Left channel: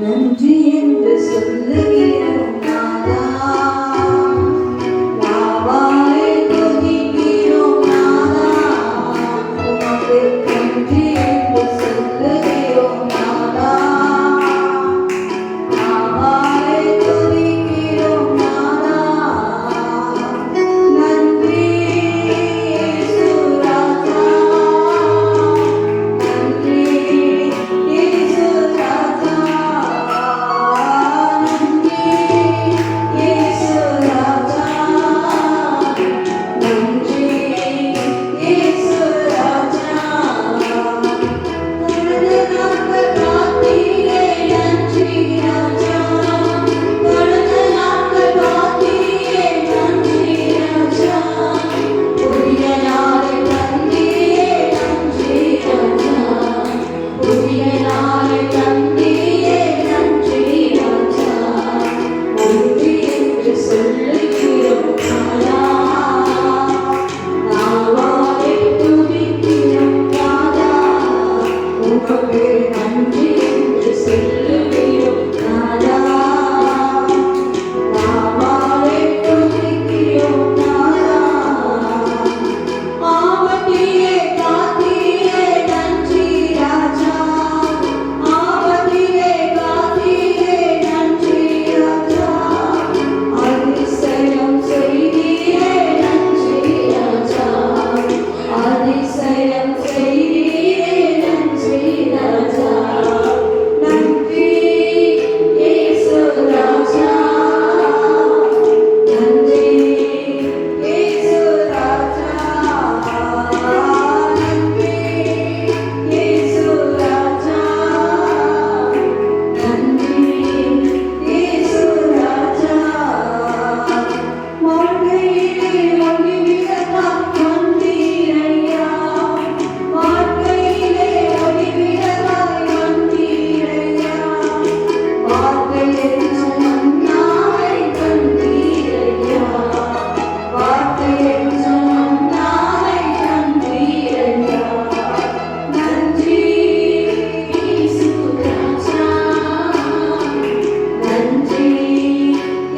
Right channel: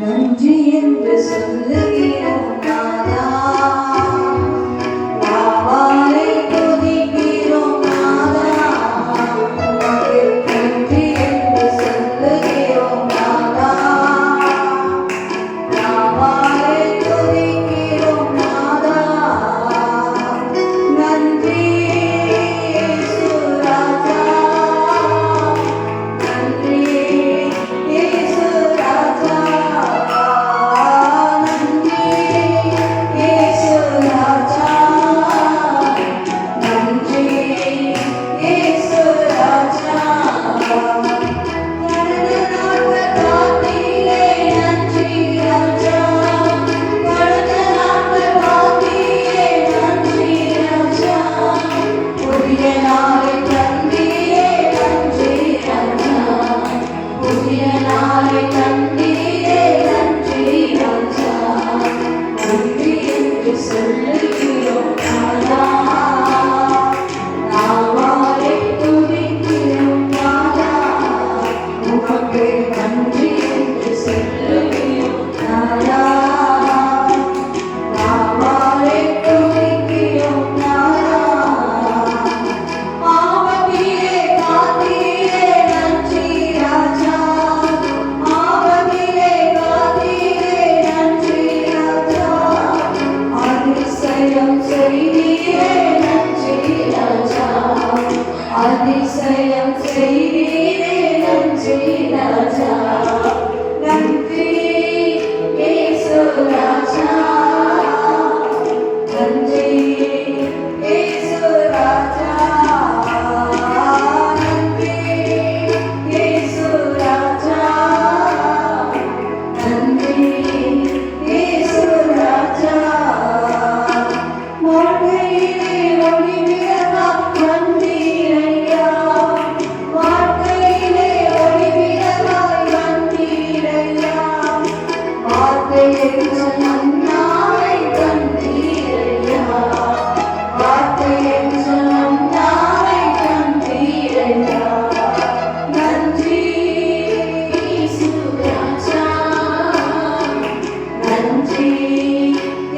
நன்றி என்று சொல்லுகிறோம் நாதா. நாவாலே துதிக்கிறோம் நாதா. உமக்கு நன்றி என்று சொல்லுகிறோம் நாதா. நாவாலே துதிக்கிறோம் நாதா. நன்றி இயேசு ராஜா. நன்றி இயேசு ராஜா. நன்றி இயேசு ராஜா. நன்றி இயேசு ராஜா. கடந்த நாட்கள் காத்தீரே நன்றி ராஜா. கடந்த நாட்கள் காத்தீரே நன்றி ராஜா. புதிய நாளை தந்தீரே நன்றி ராஜா. புதிய நாளை தந்தீரே நன்றி ராஜா. நன்றி என்று சொல்லுகிறோம் நாதா. நாவாலே துதிக்கிறோம் நாதா. உமக்கு நன்றி என்று சொல்லுகிறோம் நாதா. நாவாலே துதிக்கிறோம் நாதா. ஆவதிலே காத்தீரே நன்றி ராஜா. ஆவதிலே காத்தீரே நன்றி ராஜா. அதிசயம் செய்தீரே நன்றி ராஜா. அதிசயம் செய்தீரே நன்றி ராஜா. நன்றி இயேசு ராஜா. நன்றி இயேசு ராஜா. நன்றி இயேசு ராஜா. நன்றி இயேசு ராஜா. வாழ்க்கையிலே ஒளிவிளக்காய் வந்தீரையா. வாழ்க்கையிலே ஒளிவிளக்காய் வந்தீரையா. வார்த்தை என்னும் மன்னாவை தந்தீரையா. வார்த்தை என்னும் மன்னாவை தந்தீரையா. நன்றி இயேசு ராஜா. நன்றி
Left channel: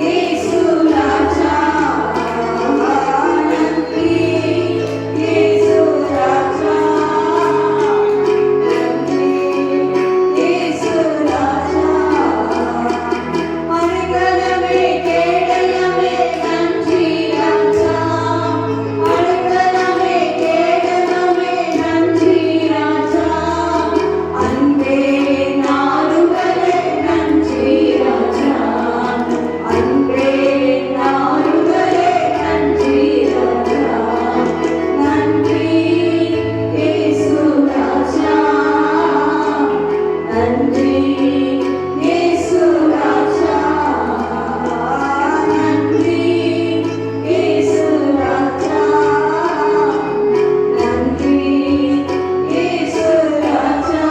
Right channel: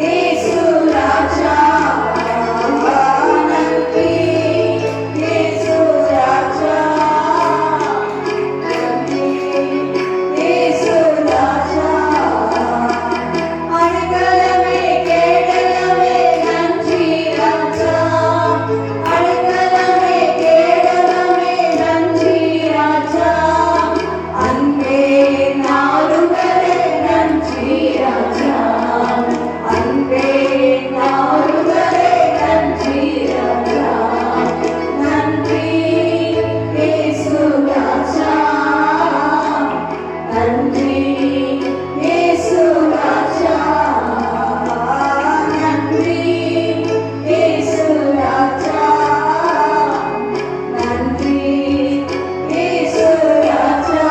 இயேசு ராஜா. நன்றி இயேசு ராஜா. நன்றி இயேசு ராஜா. அடைக்கலமே கேடலமே நன்றி ராஜா. அடைக்கலமே கேடலமே நன்றி ராஜா. அன்பே நாடுகளே நன்றி ராஜா. அன்பே நாடுகளே நன்றி ராஜா. நன்றி இயேசு ராஜா. நன்றி இயேசு ராஜா. நன்றி இயேசு ராஜா. நன்றி இயேசு ராஜா.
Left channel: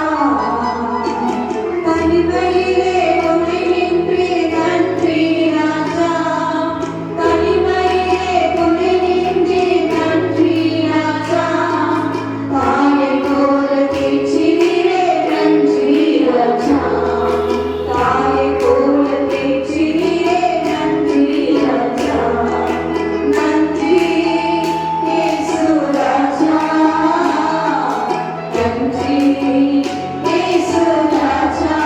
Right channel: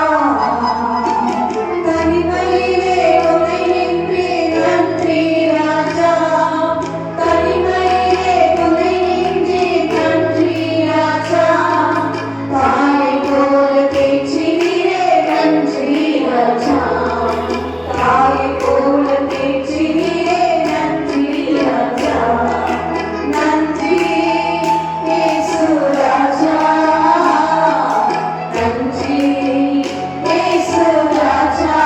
தனிமையிலே துணையின்றி நன்றி ராஜா. தனிமையிலே துணையின்றி நன்றி ராஜா. தாயைப் போல தேற்றினீரே நன்றி ராஜா. தாயைப் போல தேற்றினீரே நன்றி ராஜா. நன்றி இயேசு ராஜா. நன்றி இயேசு ராஜா.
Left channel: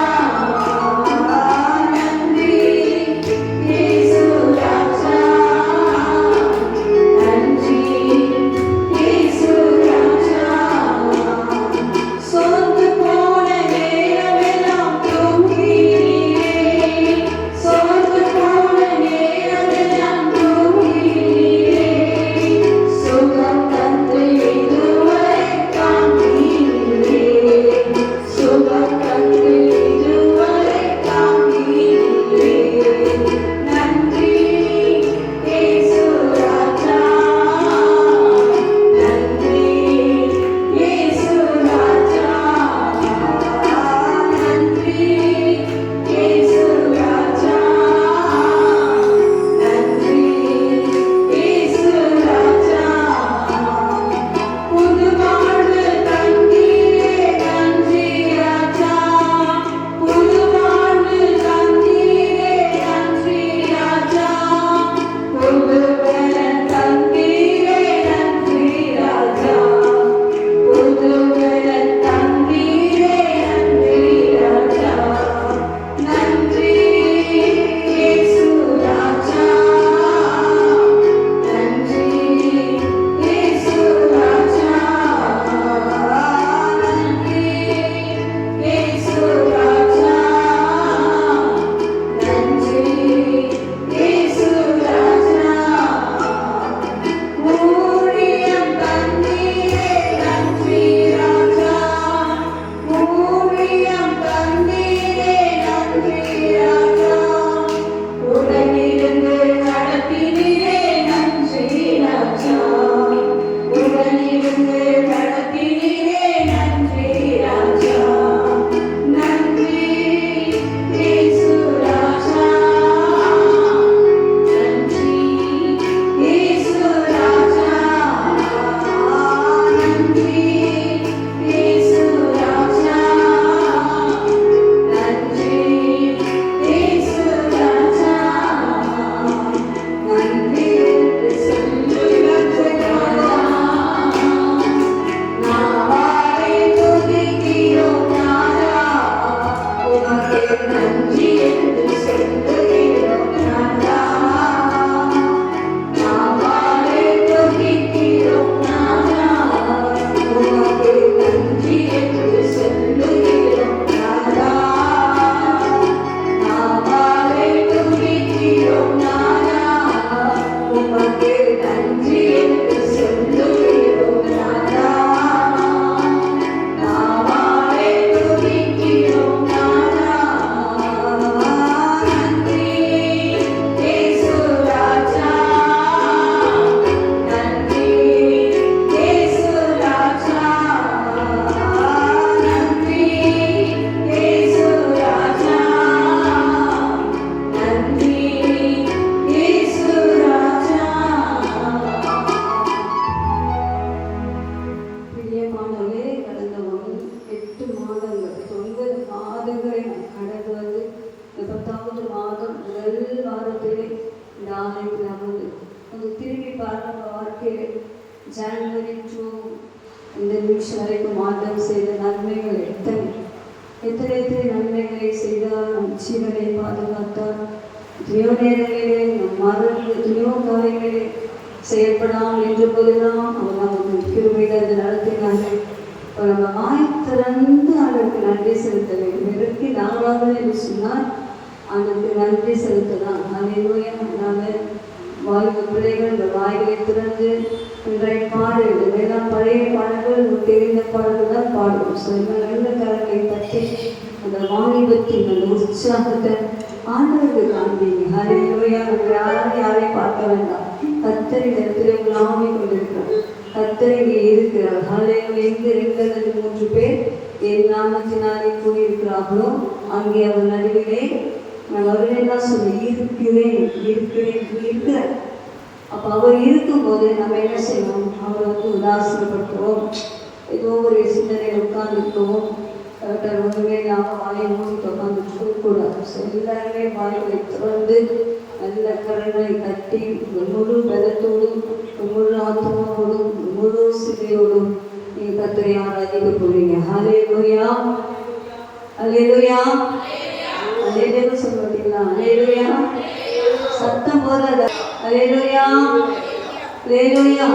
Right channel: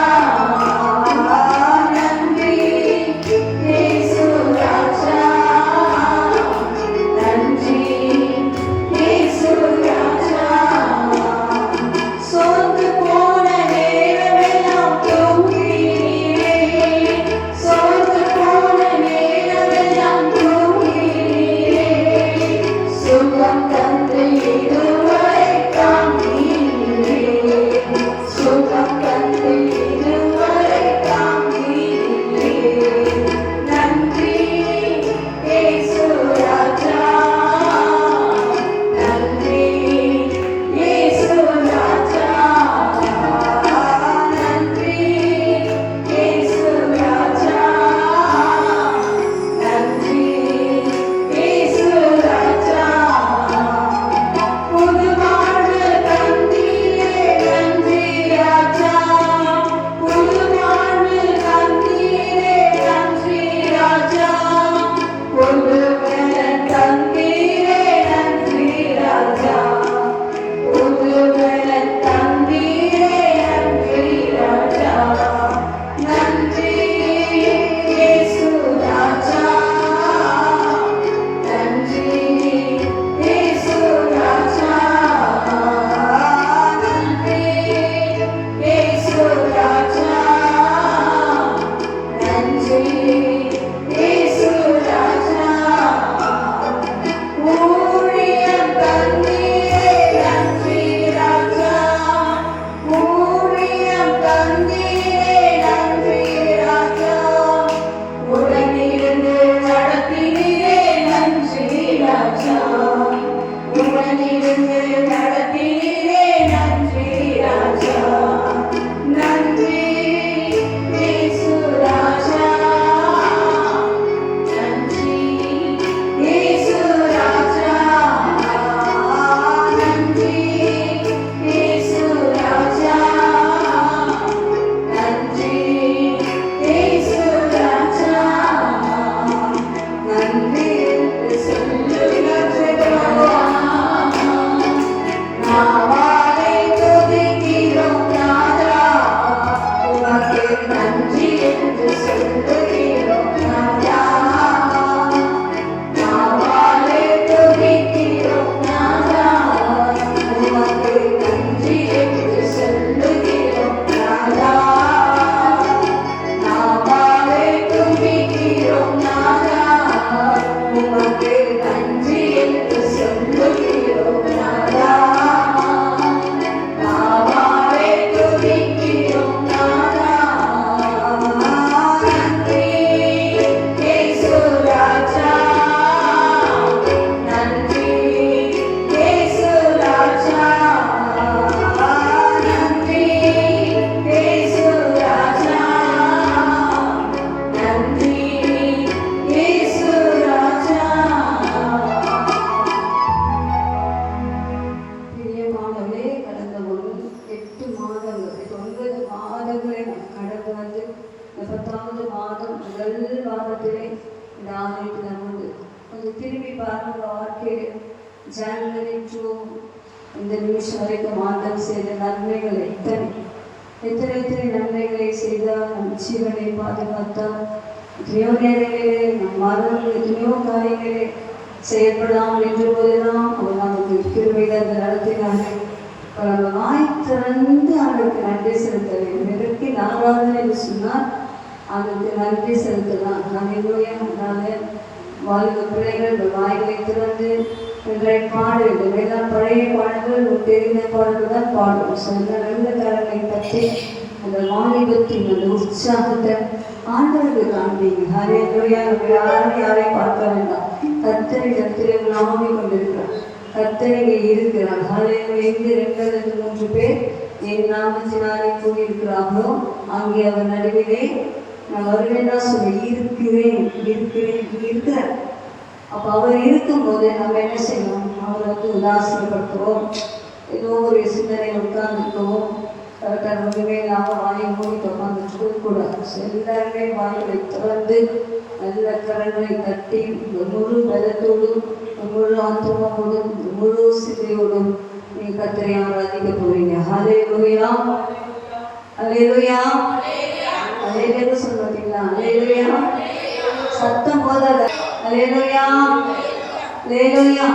நன்றி என்று சொல்லுகிறோம் நாதா. நாவாலே துதிக்கிறோம் நாதா. உமக்கு நன்றி என்று சொல்லுகிறோம் நாதா. நாவாலே துதிக்கிறோம் நாதா. உமக்கு நன்றி என்று சொல்லுகிறோம் நாதா. நாவாலே துதிக்கிறோம் நாதா. நன்றி இயேசு ராஜா. நன்றி இயேசு ராஜா. நன்றி இயேசு ராஜா. நன்றி இயேசு ராஜா. பிரியமானவரே, கடந்த 8 மாதங்கள் 9 மாதங்களை கடந்து வந்து இந்த 10வது மாதம் முதல் வாரத்திலே இந்த ஆணைக்கு நமது கொஞ்சம் திரும்பி பார்க்க வாழ்க்கையில் ஜனவரி டு இந்த நிமிஷம் வரைக்கும் ஆண்டவர் செய்த நன்மைகள் எத்தனை நன்மைகளை செய்தார். நம் ஜீவனை பாதுகாத்தார். எத்தனையோ நேரங்களிலே நம் மரணம் எத்தனையோ காரியங்களே செயல்படாமல் என்ற போதெல்லாம் அவர் நமக்கு கிருபையில் அதை நடத்தினார்கள். நம்ம வாய் திறந்து அவருக்கு நன்றி செலுத்த வேண்டும். எதற்கு நாவாதனை என்று சொன்னால் அவருக்கு நன்றி செலுத்தலாம். அதனால வாழ்க பிள்ளைகள் இந்த வாய்களை திறந்து இன்றைய பாடு இந்த வேளாண் பழைய பாடல்கள் தெரிந்த பாடல்கள் தான் பாடுவோம். சொந்த நல்ல கரங்களை தட்டி அந்த வாலிபத்தின் அந்த உற்சாகத்தை ஆண்டவருக்கு காண்பீங்க. ஹல்லேலூயா. யாரையும் பார்க்க வேண்டாம். கர்த்தரிடத்திலே உலாவி கொண்டிருக்கிறார். கர்த்தர் இருக்கிறார். ஹல்லேலூயா. எங்கே 2 அல்லது 3 பேர் என் நாமத்தினாலே கூடியிருக்கிறார்களோ அங்கே அவர் நடுவிலே நான் வருவேன் தான் சொல்லி இருக்கிறேன். அப்போ அவர் இருக்கும்போது நம்ம என்ன செய்யணும்? அவரை உதாசீனப்படுத்துவோம். ஏதோ ஒரு சிந்தனையில் உட்கார்ந்துருக்கவும் ஒன்றுமே இல்லாமல் வாயை மூடி உட்காந்துட்டு கூடாது. எல்லாருமே வாய்களை திறந்து நல்ல கரங்களை தட்டி முழு பலத்தோடும் முழு ஆத்மாவோடும் முழு சிந்தையோடும் நீங்கள் கர்த்தரை ஆராதிக்க போறீங்க. ஹல்லேலூயா. ஹல்லேலூயா. ஹல்லேலூயா சொல்ல மாட்டீங்களா? ஹல்லேலூயா. சத்தம் போதாத. ஹல்லேலூயா. ஹல்லேலூயா.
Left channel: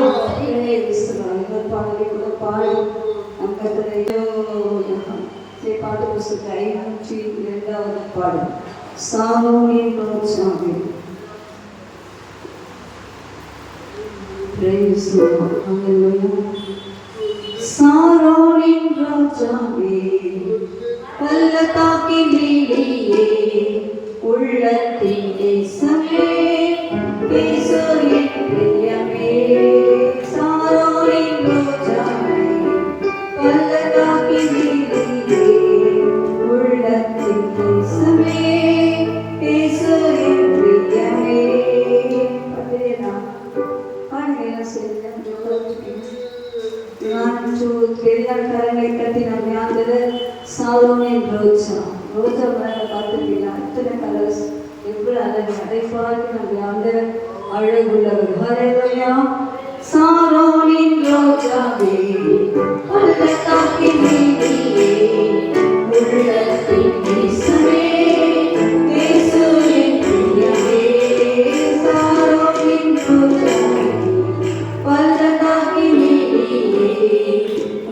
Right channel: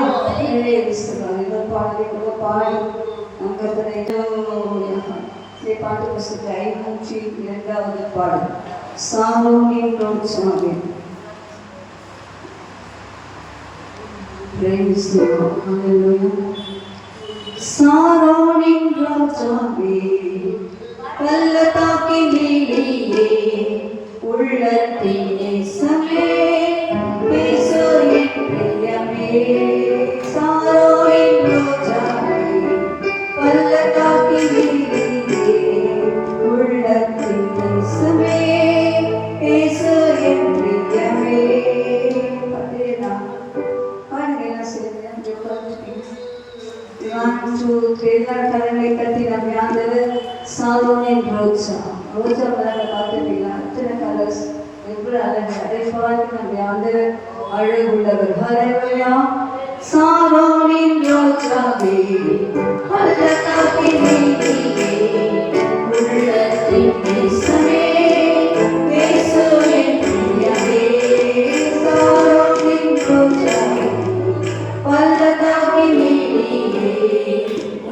பாடலை கூட பாடி நம் கர்த்தரை பாட்டு புஸ்தகத்தை 502வது பாடல் சாலோமோனின் ராஜாவே. Praise the Lord. Hallelujah. சாரோனின் ராஜாவே, பள்ளத்தாக்கின் மேலேயே உள்ளத்தின் நேசமே, இயேசு என் பிரியமே. சாரோனின் ராஜாவே, பள்ளத்தாக்கின் மேலேயே உள்ளத்தின் நேசமே, இயேசு என் பிரியமே. அதேதான் பாருங்க சேர்ந்து கரங்களை கட்டி நம்ம யாரு சாலோமோன் ரோஜா மேல பார்த்துட்டீங்களா? அத்தனை கலர்ஸ் எவ்வளவு அழகு. அதை பார்த்து நம்ம யாரு அழகுள்ளவர். ஹல்லேலூயா. சாலோமோன் ரோஜாவே, பள்ளத்தாக்கின் மேலேயே உள்ளத்தின் நேசமே, இயேசு என் பிரியமே. சாலோமோன் ரோஜாவே, பள்ளத்தாக்கின் மேலேயே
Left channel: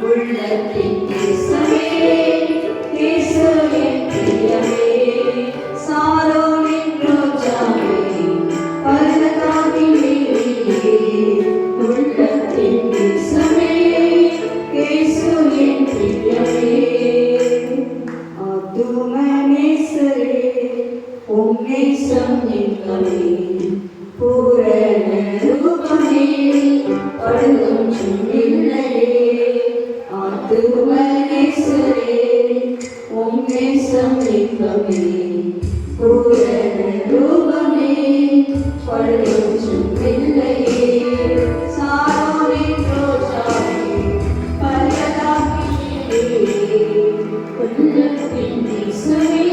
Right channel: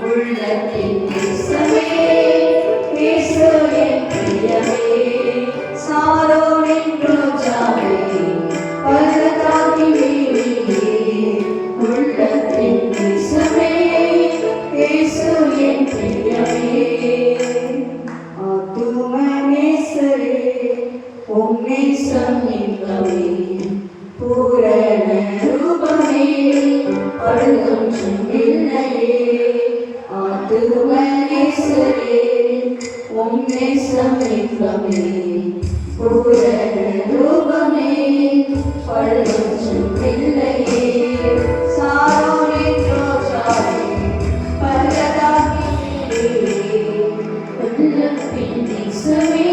உள்ளத்தின் நேசமே, இயேசு என் பிரியமே. சாலோமோன் ரோஜாவே, பள்ளத்தாக்கின் மேலேயே உள்ளத்தின் நேசமே, இயேசு என் பிரியமே. ஆத்தும நேசரே, உம் நேசம் எங்கமே, பூரண ரூபமே, படுகும் இல்லையே. ஆத்தும நேசரே, உம் நேசம் எங்கமே, பூரண ரூபமே, படுகும் இல்லையே. சாலோமோன் ரோஜாவே, பள்ளத்தாக்கின் மேலேயே உள்ளத்தின் நேசமே,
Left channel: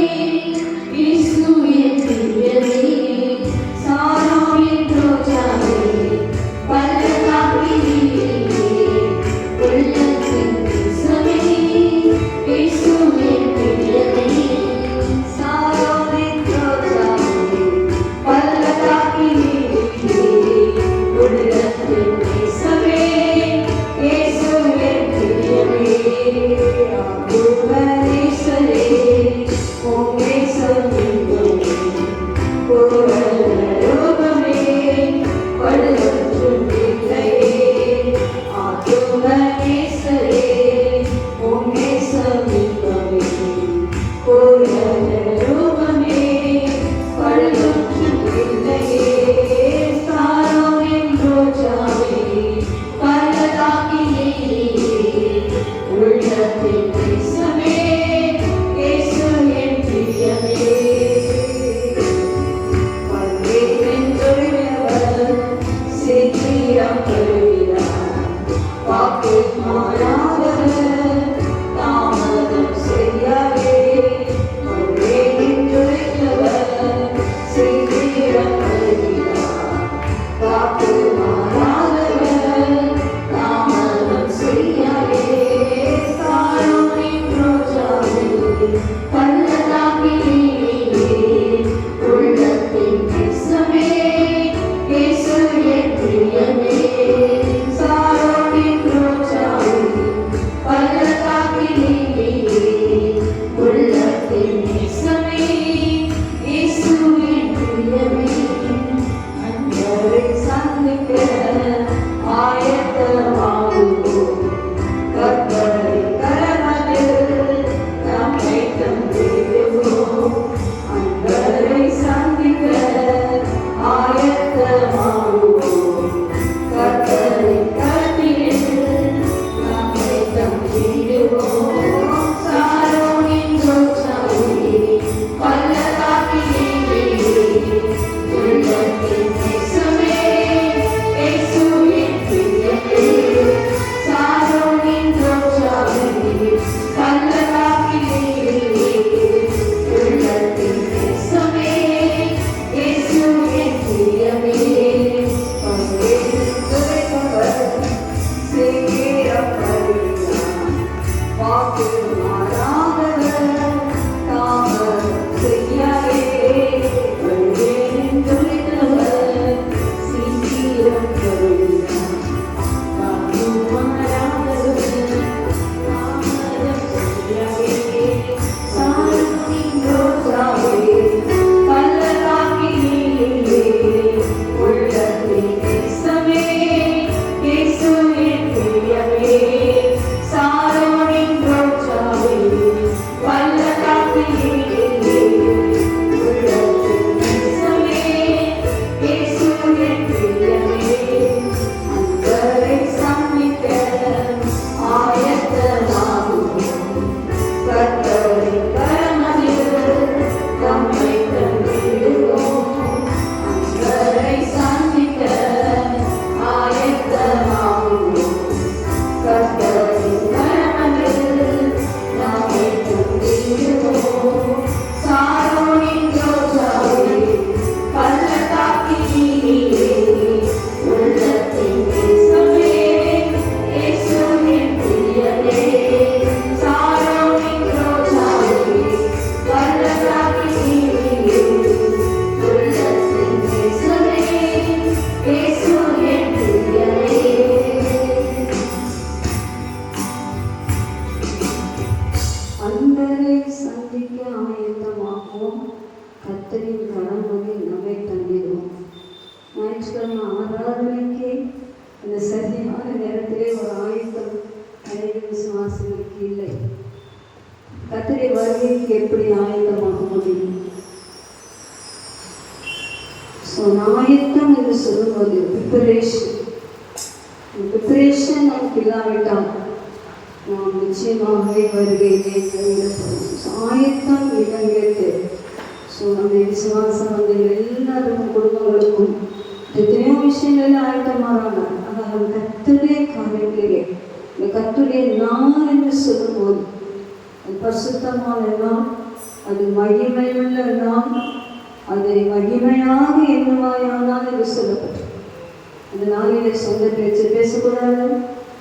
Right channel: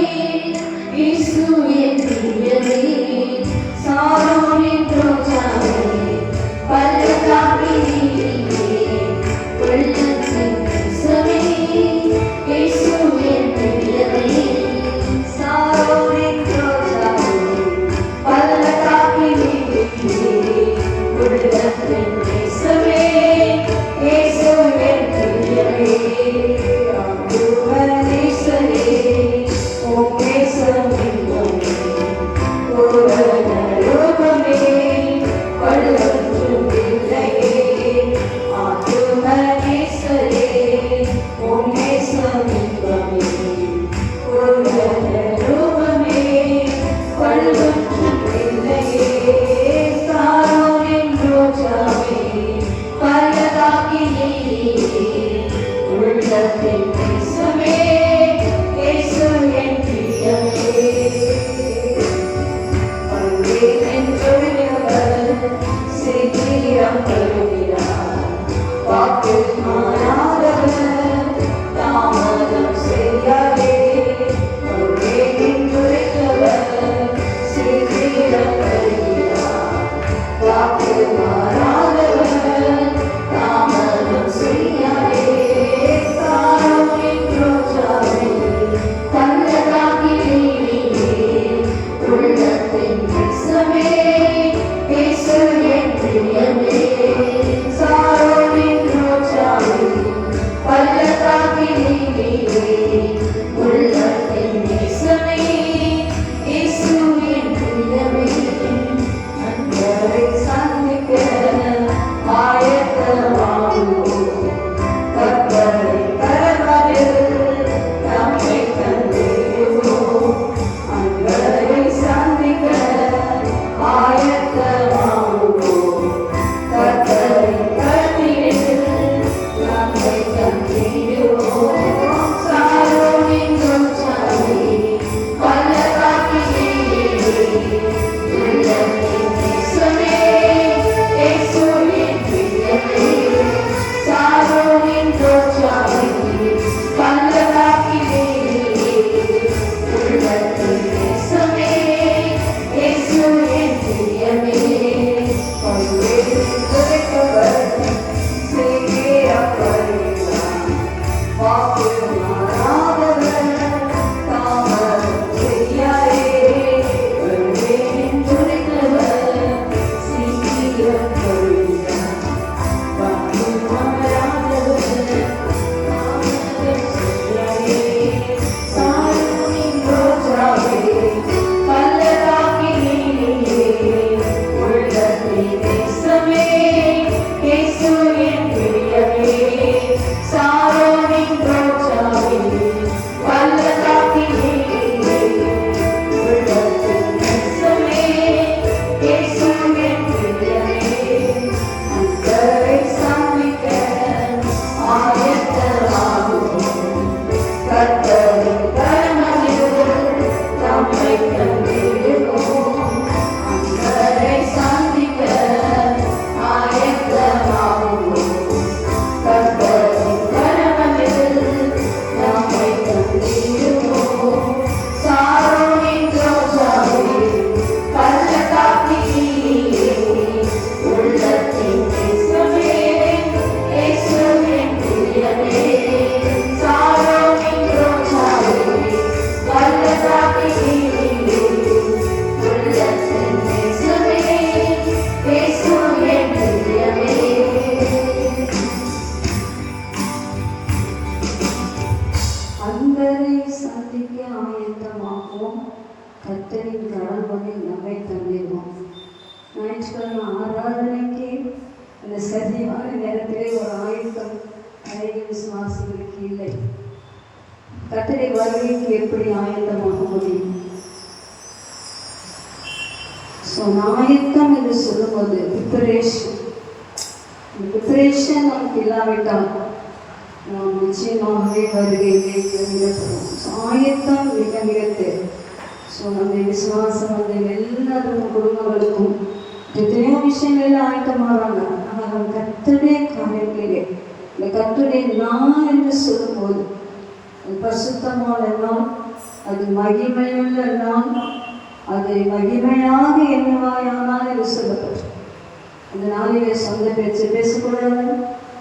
இயேசு என் பிரியமே. சாலோமோன் ரோஜாவே, பள்ளத்தாக்கின் மேலேயே உள்ளத்தின் நேசமே, இயேசு என் பிரியமே. கர்த்தரின் கடவுளை நம்மை தந்திடுவோம். ஞாயிற்றுக்கிழமை ஆராதனைக்கு இந்த சரியான நேரத்திலே ஒரு ஆயுத்தம் அநேக விசுவாசிகளுக்கு இல்லை. கர்த்தரை வருகைக்கு எப்படி ஆயத்தமாக முடியும்? ஆயத்தம் என்று சொல்லும்போது ப்ரிப்பரேஷன் நமக்கு இல்லாவிட்டால் நாம் நிச்சயமாகவே வருகையிலே விடப்படுவோம். ஆயத்தம் இளைஞருக்கு நம்ம விசுவாசம் வந்து எல்லாரும் குடும்பங்களுக்கும் எத்தனையோ விஷயங்களில் ஆயத்தமானாங்க. ஆனால் கர்த்தருடைய காரியத்திலே இந்த கர்த்தருடைய நாள் என்று சொல்லும்போது பரிசுத்தமான நாள், அது மகிமையுள்ள நாள், அது மகிமையாக என்னவாயானால் என்று சொல்லப்பட்டது. இந்த நாளிலே சொந்த பேச்சு பேசக்கூடாது.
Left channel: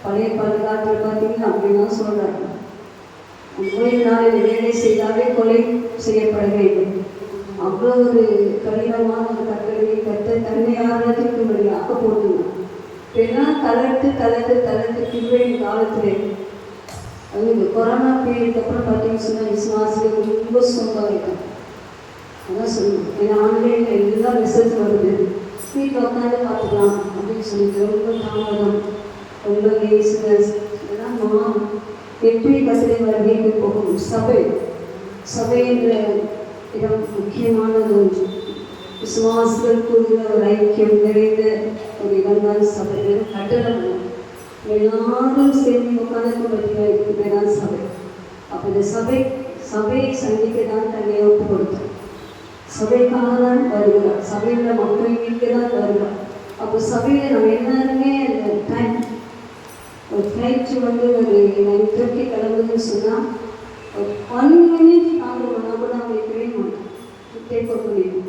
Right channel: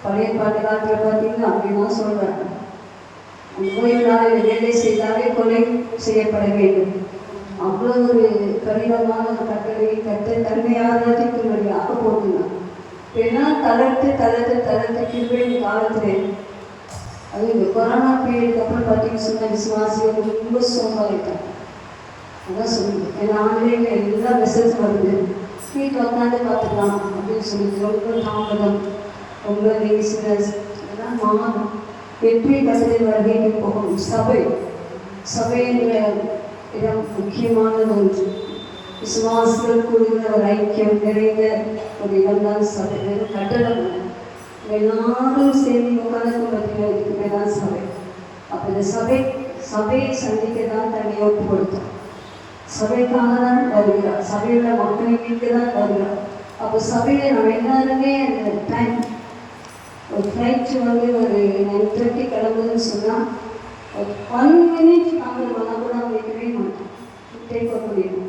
பழைய பாட்டு காட்டுற பார்த்தீங்கன்னா அப்படின்லாம் சொல்றாங்க. அந்த ஓய்வு நாளில் வேலை செய்தாலே கொலை செய்யப்பட வேண்டும். அவ்வளோ ஒரு கடினமான கட்டளை கற்று தன்னை ஆராதிக்கும்படியாக போட்டுனான். இதெல்லாம் தளர்த்து கிருபையின் காலத்திலே அது இந்த கொரோனா பீரியடுக்கு அப்புறம் பார்த்தீங்கன்னு சொன்னால் விசுவாசிகள் ரொம்ப சோம்பாயிட்டாங்க. அதான் சொல்லணும். ஏன்னா ஆன்லைனில் எல்லா மெசேஜ் வருது, வீட்டில் உட்காந்து பார்த்துக்கலாம் அப்படின்னு சொல்லிட்டு ரொம்ப தாமதம், ரொம்ப லேசினஸ் இதெல்லாம் மாறும். எப்படி கட்டளை வருகைக்கு போகணும்? சபை என்ற இடம் முக்கியமானது ஒன்று. விசுவாசிகள் கூறுகிற ஒரு ஐக்கியம் நிறைந்த ஒரு இடம்தான் சபை. கட்டடம் எல்லாரும் சேர்ந்து உட்கார்ந்து பார்த்தீங்கன்னா சபை. அப்போ இந்த சபையை சந்திக்க தான் தன்னை ஒப்பு கொடுத்தோம். சபைக்காக தான் வருகிறார். சபையில் மக்கள் மீட்க தான் வருகிறார். அப்போ சபையில் நம்ம எல்லாருமே அந்த டைம் ஒரு ஃப்ளைட்டு வந்து ஒரு 9:30 கிளம்புதுன்னு சொன்னால் ஒரு 1 minute நாங்கள் பண்ணால் கூட அவங்க இருக்கவே மாட்டோம். கேட்க முடியும்.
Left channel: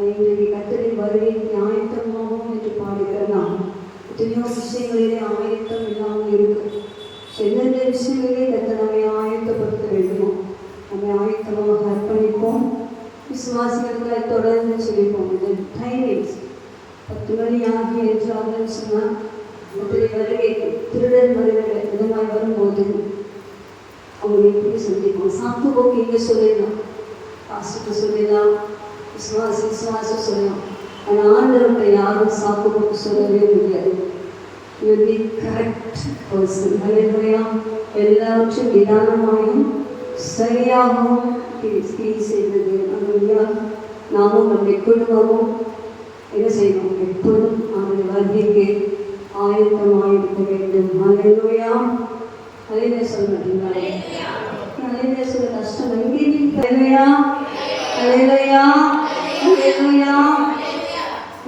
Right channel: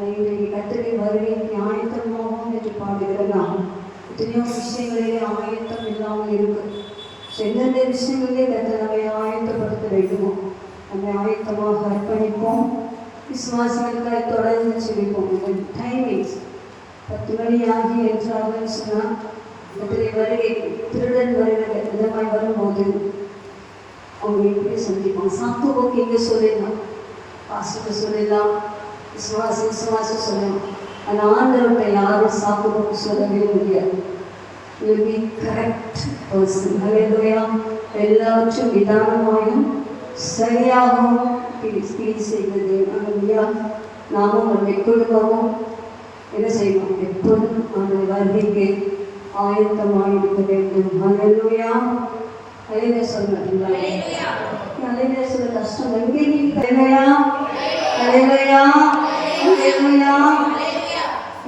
இன்றைக்கு கர்த்தரை வருகைக்கு ஆயத்தமாகும் என்று பாடுகிறோம். எத்தனையோ விஷயங்களிலே ஆயத்தம் இல்லாமல் இருக்கும். எந்தெந்த விஷயங்களே கர்த்தர் நம்மை ஆயத்தப்படுத்த வேண்டுமோ நம்மை ஆயத்தமாக அர்ப்பணிப்போம். விசுவாசிகளுக்காக தொடர்ந்து சொல்லிப்போம். இந்த டைமிங்ஸ் 10 மணி ஆகி என்றார்கள் சொன்னால் வருகை திருடன் வருகிற விதமாய் வரும்போது அவங்க எப்படி சந்திப்போம்? சாப்பிட்டு இங்கே சொல்லிடலாம், பாசுக்கு சொல்லிடலாம், விசுவாசம் சொல்லலாம். ஆனால் ஆண்டவர்கிட்ட யாரும் சாப்பிடுவோம் சொல்லவே முடியாது. Correct person. ஹல்லேலூயா. எல்லாவற்றும் நிதானமாயும் சரியாகவும் ஸ்பீச் செய்கிறது. ஹல்லேலூயா. நாமும் நம்முடைய குடும்பமும் என்ன செய்யணும்? எப்போதும் அந்த வருகைக்கு ஆயத்தமாக இருக்க வேண்டும். ஹல்லேலூயா. ஹல்லேலூயா சொல்லுங்க. ஹல்லேலூயா சொல்ல கஷ்டம் எங்கே? ஹல்லேலூயா. ஹல்லேலூயா. ஹல்லேலூயா.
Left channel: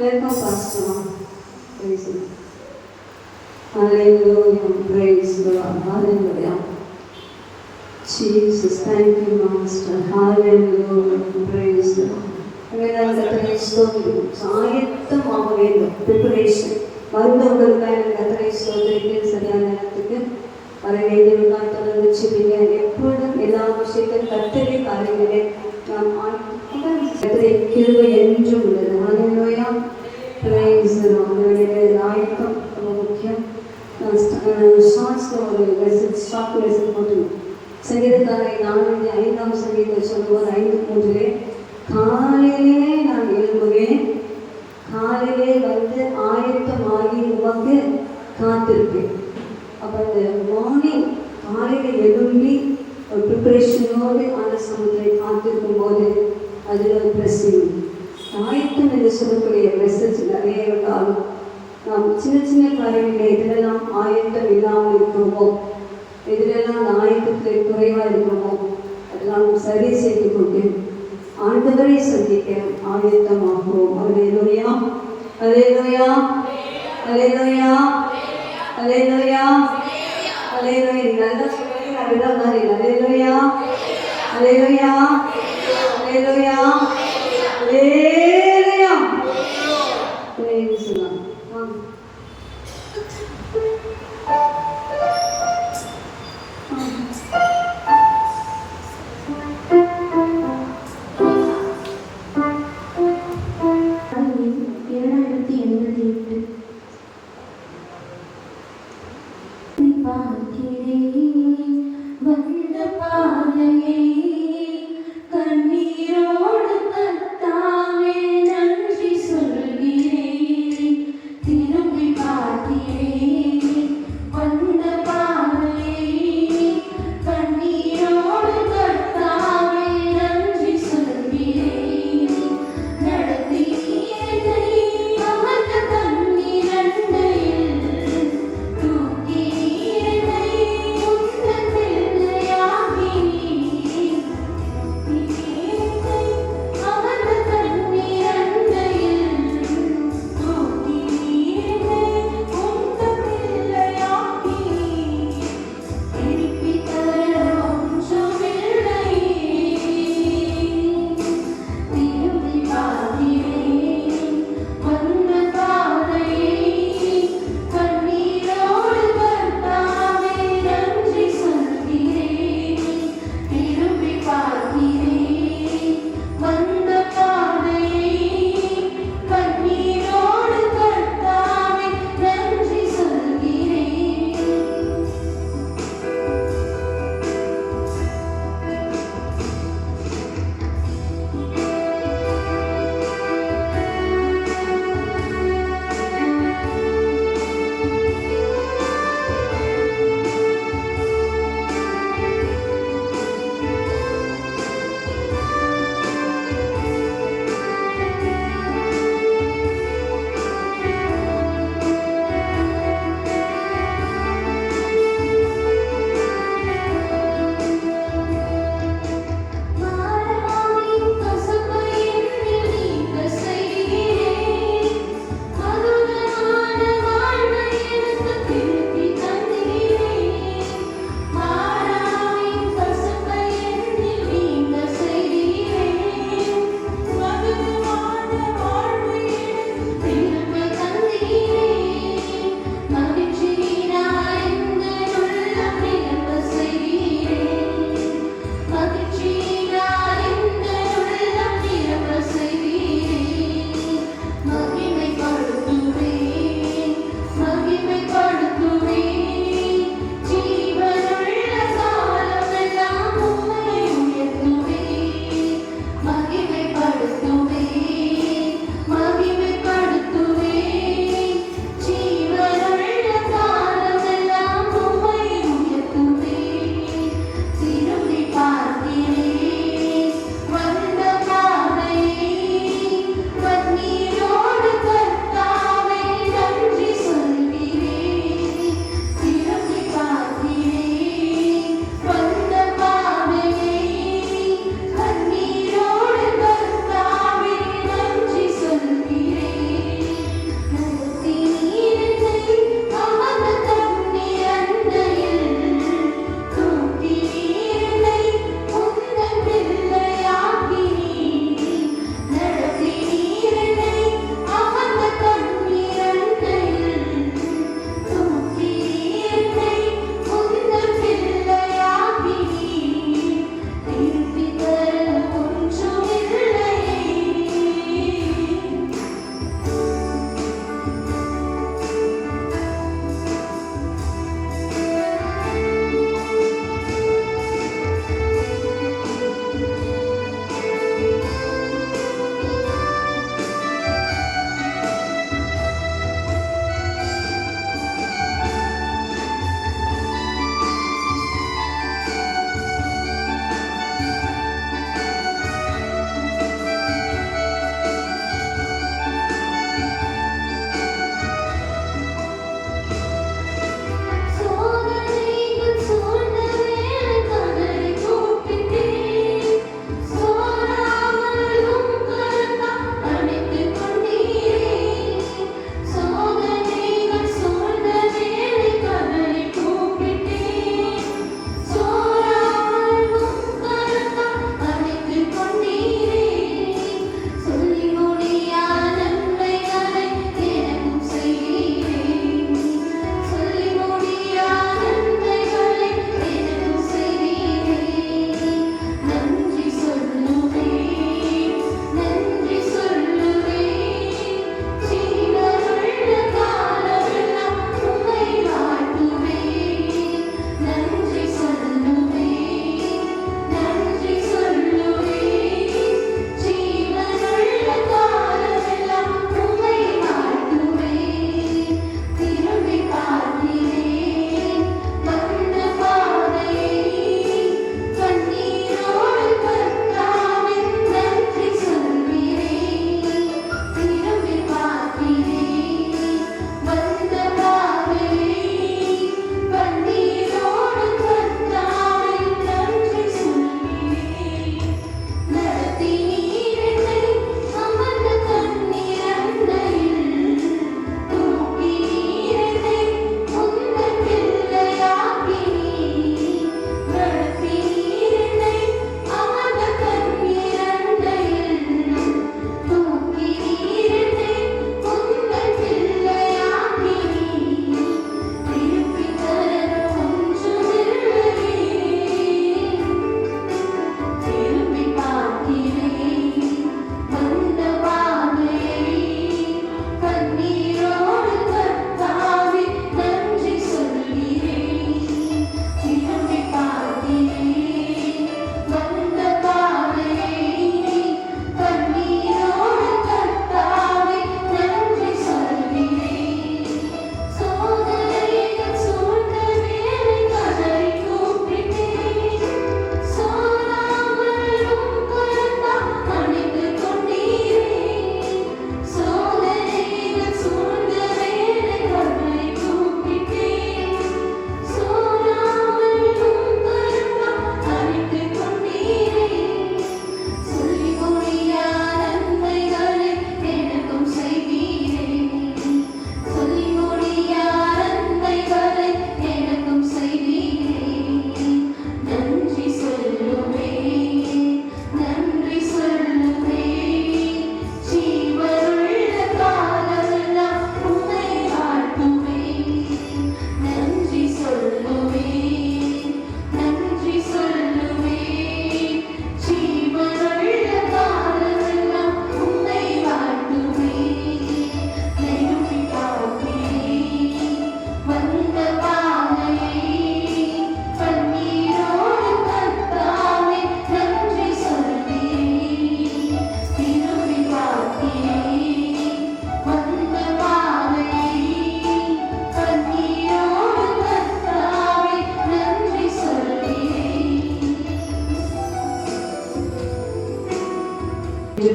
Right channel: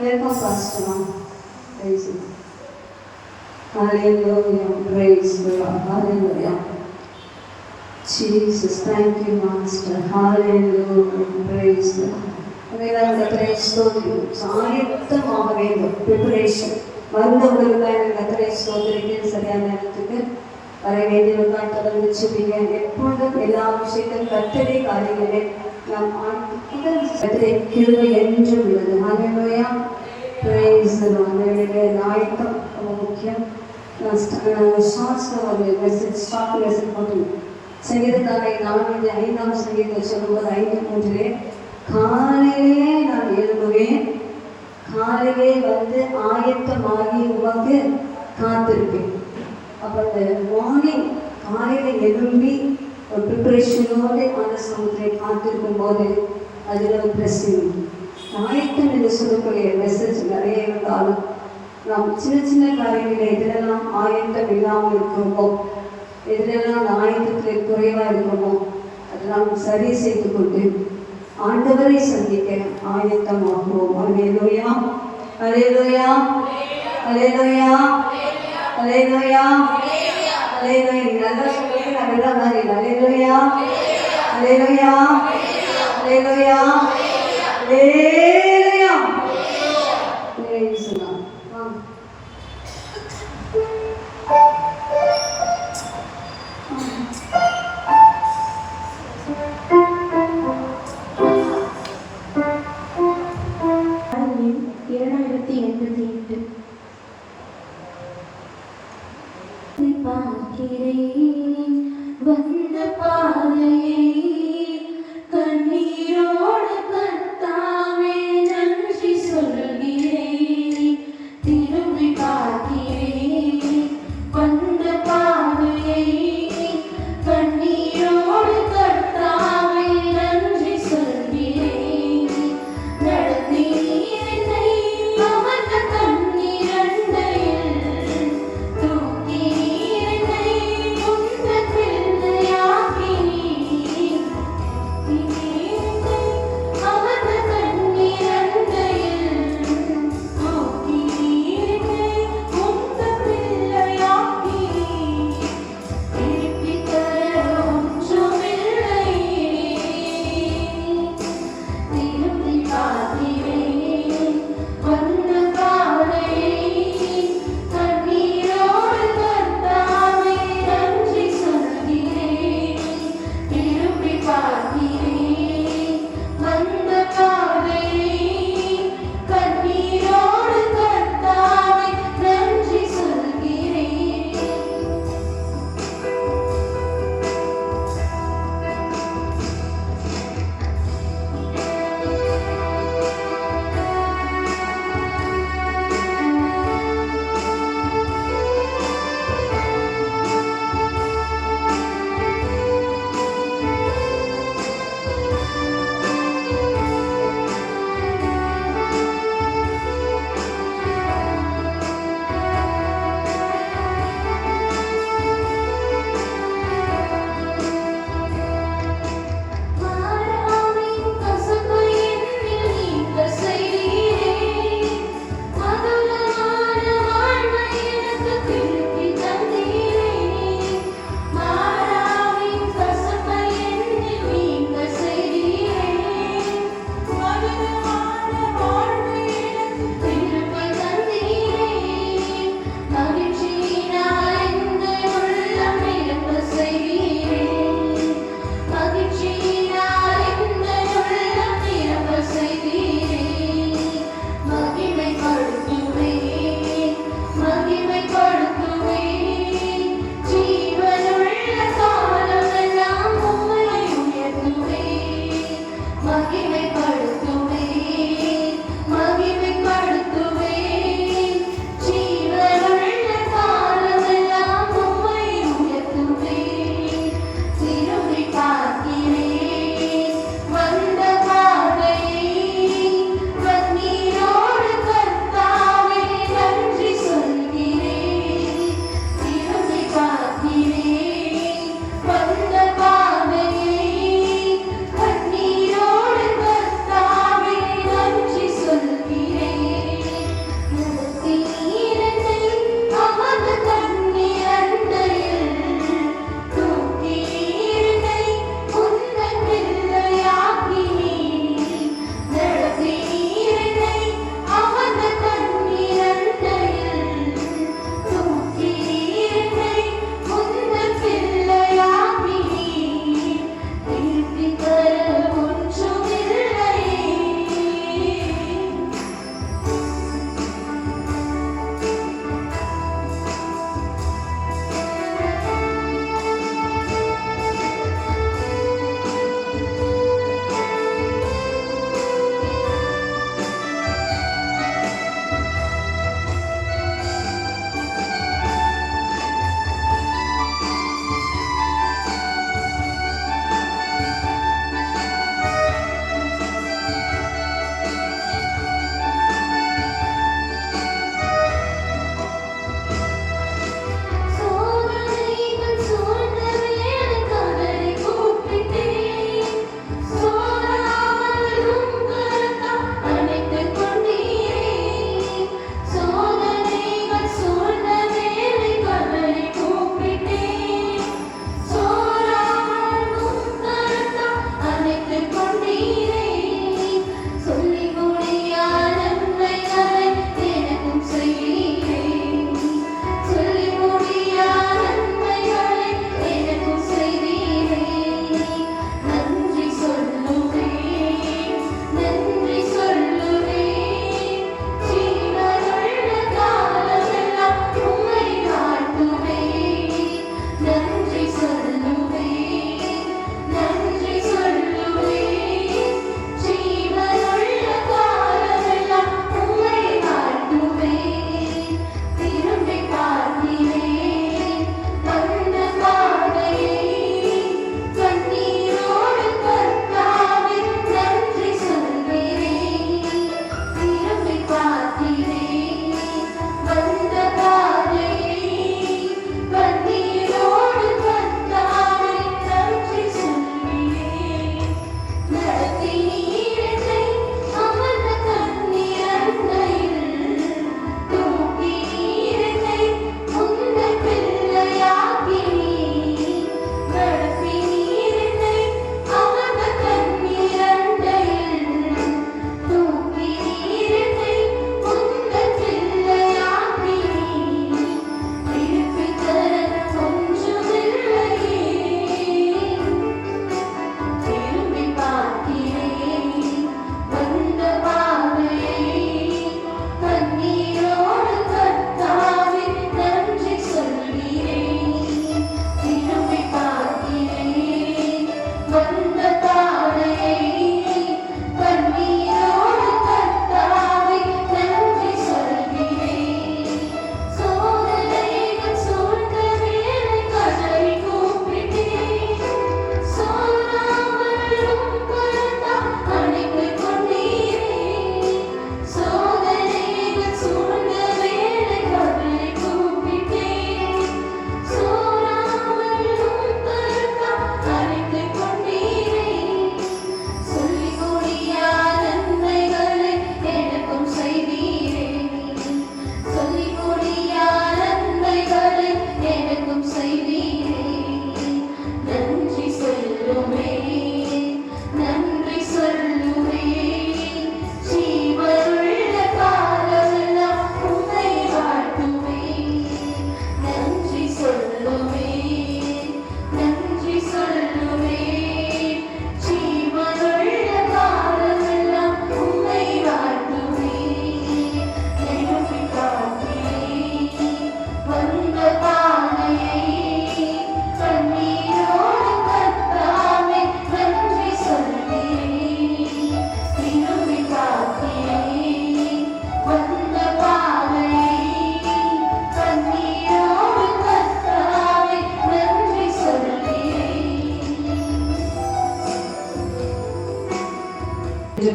welcome pastor. praise him. Hallelujah. Praise God. Hallelujah. Jesus, thank you master. Hallelujah. Praise God. கர்த்தரை ஸ்தோத்திரிக்கிறோம். ஆயத்தமாக வேண்டும். ப்ரிப்பரேஷன் வந்தவர்களுக்காக கர்த்தரை ஸ்தோத்திரிக்கிறேன். சரியான நேரத்துக்கு வர வேண்டியவர்கள் தொடர்ந்து சொல்லுங்க. எப்பொழுதும் எல்லா விஷயத்திலும் கர்த்தரை காரியங்களே நாம் கர்த்தரை கிருபை என்றும் உள்ளது. ஹல்லேலூயா. Praise the lord. ஆயத்தம் ரொம்ப முக்கியம். ஷார்ட்ஸில் ஒரு மெசேஜ் போட்டு சங்கீதக்காரை 4:5 சங்கீதத்தில் சொல்லும்போது 5:3 காலையிலே நான் எழும்புவேன், காலையிலே வந்து ஆயத்தமாகி உமக்கு காத்திருப்பேன். அப்போ அந்த மார்னிங் காலையில் எழும்பி ஒரு ப்ரிப்பரேஷனோடு அந்த சமுதிரை காத்திருக்கும் போது அதில் ஒரு பிளஸிங். ஆயத்தம் என்று சொல்லக்கூடிய மெசேஜ் நிறைய இருந்தாலும் நாம் சின்ன காரியங்களை எதிரெல்லாம் ஆயத்தம் இல்லாமல் இருக்கிறோமோ, எதிரெல்லாம் அந்த ஆயத்தத்தில் குறைவாக இருக்கிறோமோ அதெல்லாம் சரி செய்து கொண்டு ஆண்டவரை சந்திக்க ஆயத்தமாகுவோம். ஹல்லேலூயா. ஹல்லேலூயா. ஹல்லேலூயா. ஹல்லேலூயா. ஹல்லேலூயா. நல்லா சொல்லுங்க. அப்படிதான் மாதிரி. ஹல்லேலூயா. ஹல்லேலூயா. ஹல்லேலூயா. ஹல்லேலூயா. praise the Lord.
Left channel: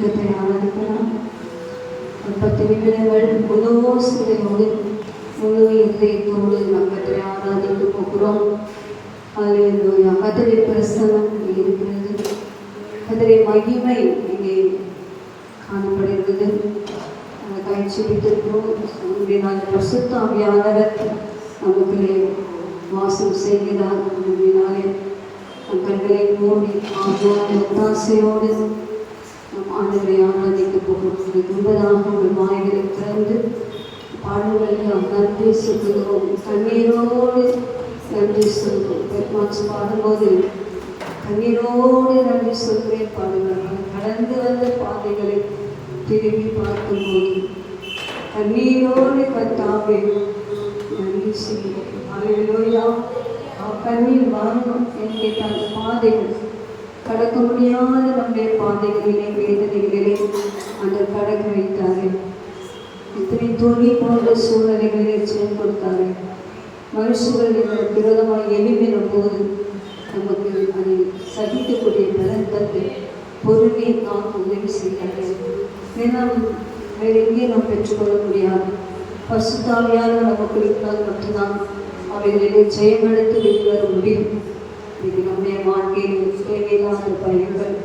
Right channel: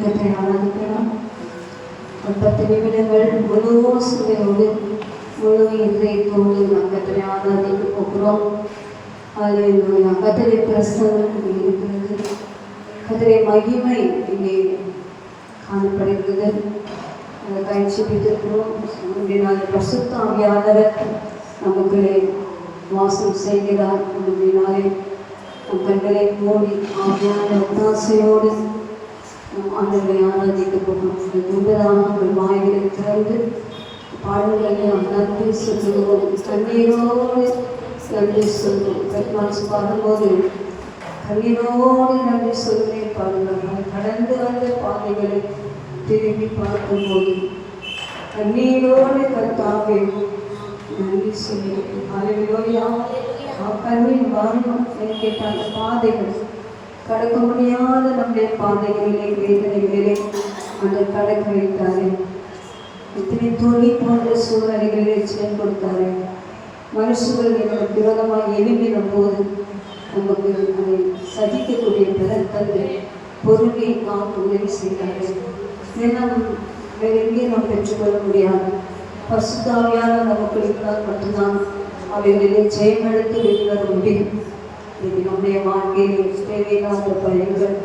கர்த்தரை ஆராதிக்கலாம். 10 நிமிடங்கள் முழு சுவையோடு முழு இதயத்தோடு நாம் கர்த்தரை ஆராதிக்க போகிறோம். அல்லேலூயா. கர்த்தருடைய பிரசன்னம் இங்கே இருக்கிறது. கர்த்தருடைய மகிமை இங்கே காணப்படுகிறது. அந்த காட்சி வைத்திருக்கிறோம். நம்முடைய நாள் பரிசுத்த ஆவியானவர் நமக்குள்ளே வாசம் செய்கிறார். நம்முடைய நாளில் நம் கண்களை மூடி ஆவியான ஒத்தாசையோடு நம் ஆண்டவரை ஆராதிக்க போகிறோம். முன்பதாக ஒரு வாய்களை திறந்து பாடல்களை நாம் நன்றி சொல்லுகிறோம். கண்ணீரோடு நன்றி சொல்லுவோம். பெருமாச்சு பாடும்போது கண்ணீரோடு நன்றி சொல்லுவேன் பாடுகிறார்கள். கடந்து வந்த பாதைகளை திரும்பி பார்க்கும்போது கண்ணீரோடு கர்த்தாவே நன்றி சொல்லுகிறேன். அலையிலோயா கண்ணீர் வாங்கும் கேட்ட அந்த பாதைகள் கடக்க முடியாத நம்முடைய பாதைகளிலே வேதனைகளிலே அந்த கடக்க வைத்தாரே. இத்தனை தொழில் போன்ற சூழ்நிலைகளிலே ஜெயம் கொடுத்தாரே. மனுஷர்கள் எங்களுக்கு விரோதமாக எழும்பிடும் போது நமக்கு அதை சகிக்கக்கூடிய பலன் தந்து பொறுமையை காத்து உதவி செய்தார்கள். ஏன்னா வேறு எங்கேயும் நாம் பெற்றுக்கொள்ள முடியாது. பரிசுத்த ஆவியானவர் நமக்கு இருந்தால் மட்டும்தான் அவைகளிலே ஜெயமெடுத்து வெளிவர முடியும். இது நம்முடைய வாழ்க்கையில் தேவையில்லாத பயிர்கள்,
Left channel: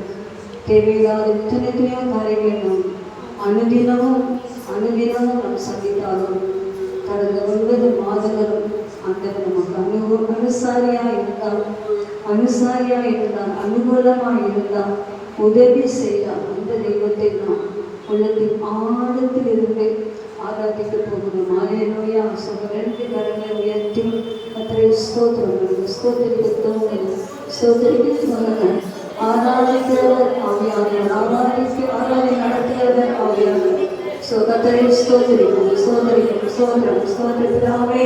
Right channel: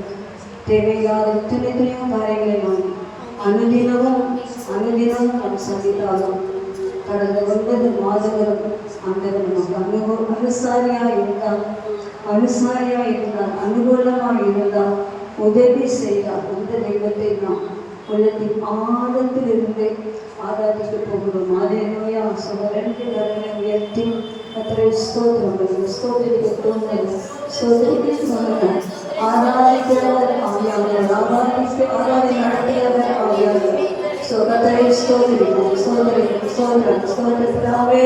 தேவையில்லாத எத்தனையோ காரியங்களை நாம் அனுதினமும் நாம் சந்தித்தாலும் கடந்த 9 மாதங்களும் ஆண்டவர் நமக்கு அனுசாரியாக இருந்தால் அனுகூலமாக இருந்தால் உதவி செய்தால் அந்த தெய்வத்தை நாம் உள்ளத்தின் ஆழத்தில் இருந்து ஆராதிக்க போகிறோம். அல்லேலூயா. ரெண்டு கரங்களை உயர்த்தி கர்த்தரை ஸ்தோத்திரம் ஸ்தோத்திரிக்க ஆராதிக்கிறவர் ஆவியானவர், ஆராதனை நடத்தியவர் ஆவியானவர். கர்த்தரை ஸ்தோத்திரிக்கிறோம். பிதாவே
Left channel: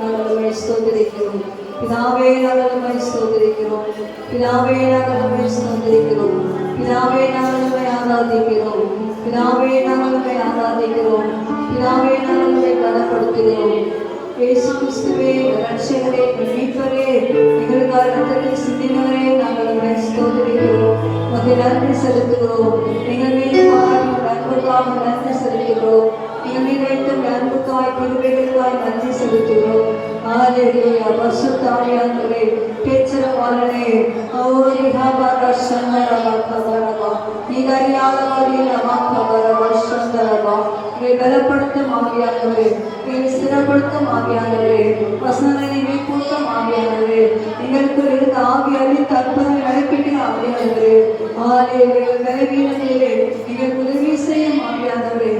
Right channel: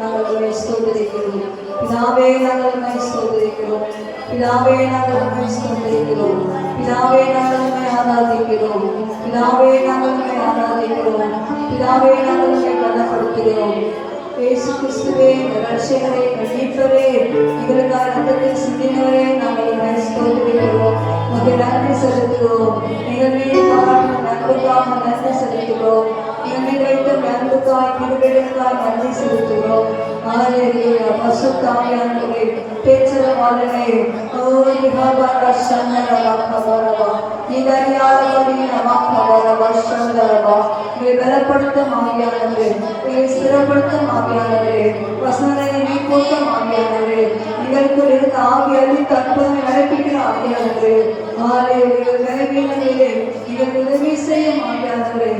நாங்கள் உம்மை ஸ்தோத்திரிக்கிறோம். பிதாவே நாங்கள் உம்மை ஸ்தோத்திரிக்கிறோம். பிதாவே நாங்கள் உம்மை ஸ்தோத்திரிக்கிறோம். பிதாவே நாங்கள் உம்மை ஆராதிக்கிறோம். பிதாவே நாங்கள் உம்மை ஆராதிக்கிறோம். பிதாவே நாங்கள் உம்மை கனப்படுத்துகிறோம். இயேசு கிறிஸ்துவே ரட்சகரே மீட்பரே எங்களுக்காக ரத்தத்தை சிந்தினவரே நாங்கள் உம்மை ஸ்தோத்திரிக்கிறோம். உமக்கு நன்றி செலுத்துகிறோம். எங்கள் மீது பாராட்டும் அன்புக்காக நன்றி செலுத்துகிறோம். எங்கள் மீது வைத்த அன்புக்காய் கிருபைகளுக்காய் நன்றி செலுத்துகிறோம். அல்லேலூயா. பரிசுத்த ஆவியானவரே பேச்சரவாளனே ஓரி ஹபர சந்தரவா நீதறியாதவரே நமக்கவரவ சந்தரவா பலப்படுத்தும் ஆவியானவரே, ஸ்திரப்படுத்தும் ஆவியானவரே, வசனங்களை நீ போட்டும் ஆவியானவரே, எங்களுக்குள் இருந்த ஆவி அழித்து அற்புதங்களை நடப்பிக்கிற ஆவியானவரே, விலகினவரே எங்களுக்கு உதவி செய்யும் ஆவியானவரே,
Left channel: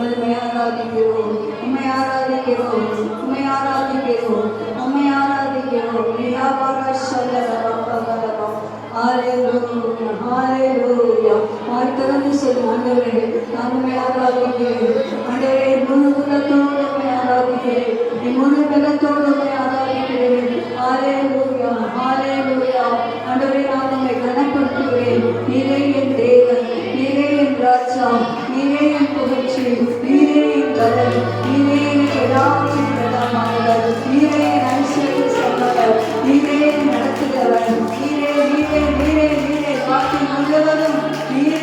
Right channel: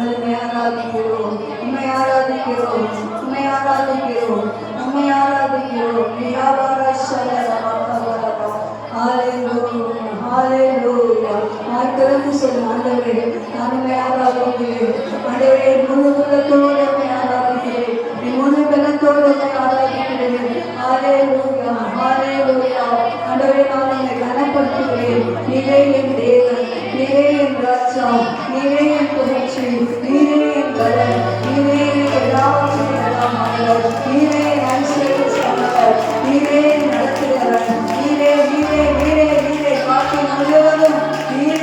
உம்மை ஆராதிக்கிறோம். திறந்து சொல்லும் ஆண்டவரே, நானுமே ஆராதிக்கிறேன். ஆண்டவரே முழு உள்ளத்தோடு உம்மை ஆராதிக்கிறேன். என் முழு பலத்தோடு உம்மை ஆராதிக்கிறேன். ஹல்லேலூயா. ஆண்டவரே நான் உம்மை கனப்படுத்துகிறேன். நீரே என் தேவன், நீரே என் ராஜா, நீரே என் புகழ்ச்சி, நீரே என் பலன், நீரே எனக்கு எல்லாவற்றையும் நலமானவர், நீரே என் ஐஸ்வர்ய சம்பவர், நீரே என் நடத்துகிறவர், நீரே காட்டி முழுவதும் நீரே.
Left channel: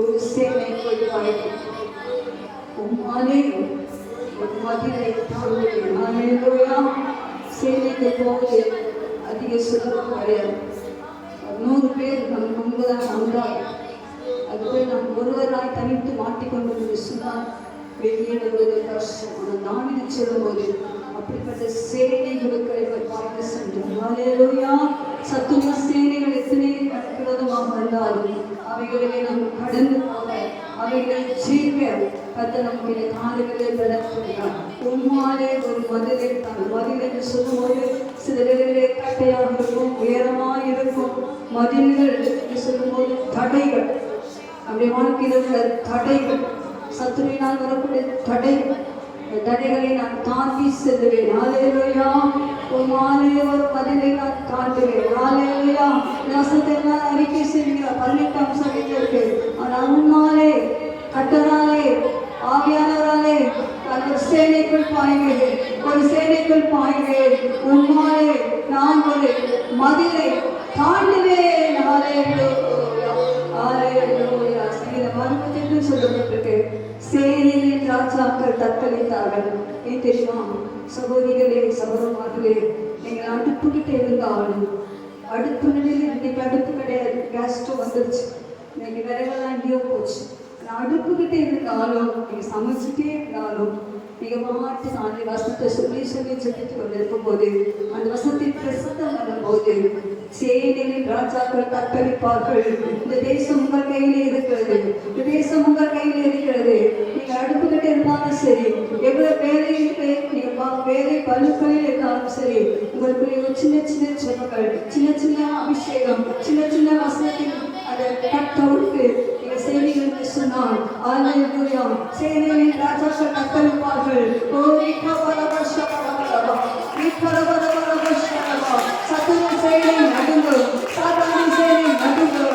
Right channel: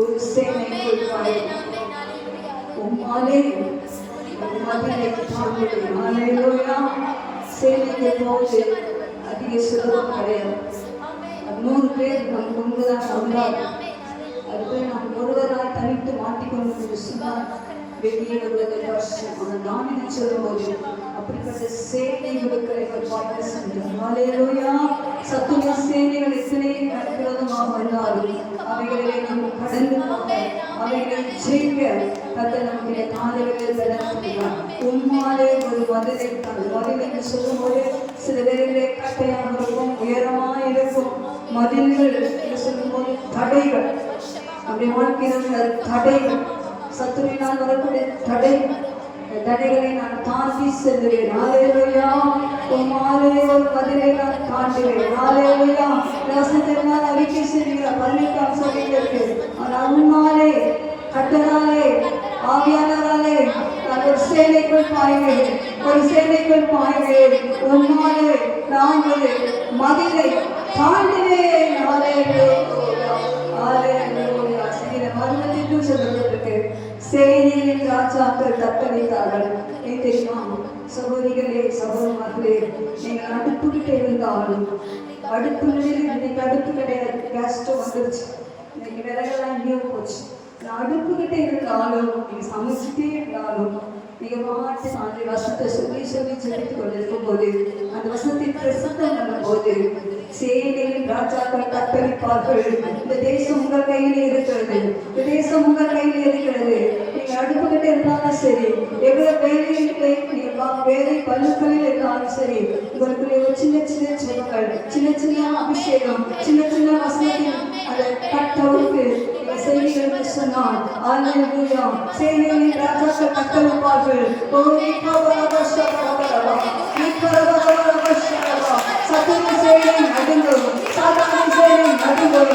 ஒரு சேனைக்குள் பாயும், உம்மாலே ஒரு மதிலை தாங்குவேன். ஹல்லேலூயா. சேனைக்கு போவது அதிக சுலபம் கிடையாது. 100 பேர் நம் முன்புதான் வந்தார். அதுவே நாம் ஒருவராய் தனித்து மாட்டிக்கொண்டு சொன்னால் வெளியே வருவது கஷ்டம். ஆனால் நான் சொல்லும்போது அப்படிப்பட்ட சேனைகளுக்கு பார்த்து சென்றோம். ஹல்லேலூயா. சத்துவ சேனைகள் எத்தனை விரோதமாக இருந்தாலும் அவைகளை நாம் கடந்து போக, அவைகளை ஜெயிக்க கர்த்தர் நமக்கு காலங்களில் நடத்துகிறார். உம்மாலே ஒரு மதிலை, அந்த மதில் என்று சொல்லும்போது சில வேலைகளே கட்டையாக இருக்கும், உயரமாக இருக்கும். மதில்கள் என்று சொல்லும்போது தடைகள், நம்முடைய வாழ்க்கையில் உள்ள தடைகள், சத்துருவினால் வரக்கூடிய தடைகள், தடைகளை நான் தாண்டி செல்லுவேன். ஹல்லேலூயா. உம்மாலே ஒரு மதிலை நான் தாண்டுவேன். ஹல்லேலூயா. வசனத்தினால் அறிக்கை செய்கிறார். 18ஆம் சபையிலிருக்கு. ஆனால் உம்மாலே, கர்த்தராலே, ஆவியானவராலே நான் ஒரு சேனைக்குள் பாய்வேன், ஒரு சேனைக்குள் பாய்வேன். உம்மாலே நான் ஒரு மதிலை தாண்டுவேன். ஹல்லேலூயா. ஹல்லேலூயா. சில மர்மத்திற்கு சொல்லப்பட்டிருக்கு, சேனையின் ராஜாக்கள் தத்தளித்தார்கள். ஏன் தெரியுமா? சகோதரிகளே, சகோதரர்களே, நீங்கள் அடுப்புக்கிட்ட இருந்தாலும், அடுப்பு இன்னைக்கு அடுப்பு கிடையாது, கேஸ் ஸ்டவ் வந்துருச்சு, இன்னைக்கு விறகெல்லாம் எங்கேயோ போச்சு. அடுப்புக்கிட்ட இருந்தாலும், நீங்கள் சமைச்சிட்டே இருந்தாலும், நீங்கள் மாற்றி நாளை வசத்தை சொல்லி சொல்லி செலுத்தி கொண்டிருக்கும் போது, அந்த வசத்தின் பிரசித்தம் பண்ணும் போது சேனையின் ராஜாக்கள் தத்தளிப்பார்கள். இந்த தேசம் உங்கள் கையில் இருக்கிறது, இந்த தேசம் உங்கள் கையில் இருக்கிறது. நீங்க அடுப்புக்கிட்ட இருந்தாலும் சரி, எவ்வளவு வேலையிலே நீங்க வேலை பழுக்களில் இருந்தாலும் சரி, உங்களுக்குள்ளே ஒரு சின்ன சின்ன செவங்கள், சின்ன சின்ன அபிஷேகம், சின்ன சின்ன வசனத்தின் அதை கட்டவுக்கு செய்திகளுக்கு சொன்னால், ஹல்லேலூயா, சேனையின் ராஜாக்கள் தத்தளிப்பார்கள். ஓ சத்துரு சேனை நடுங்கும், சாதாரண சேனை நடுங்கும்.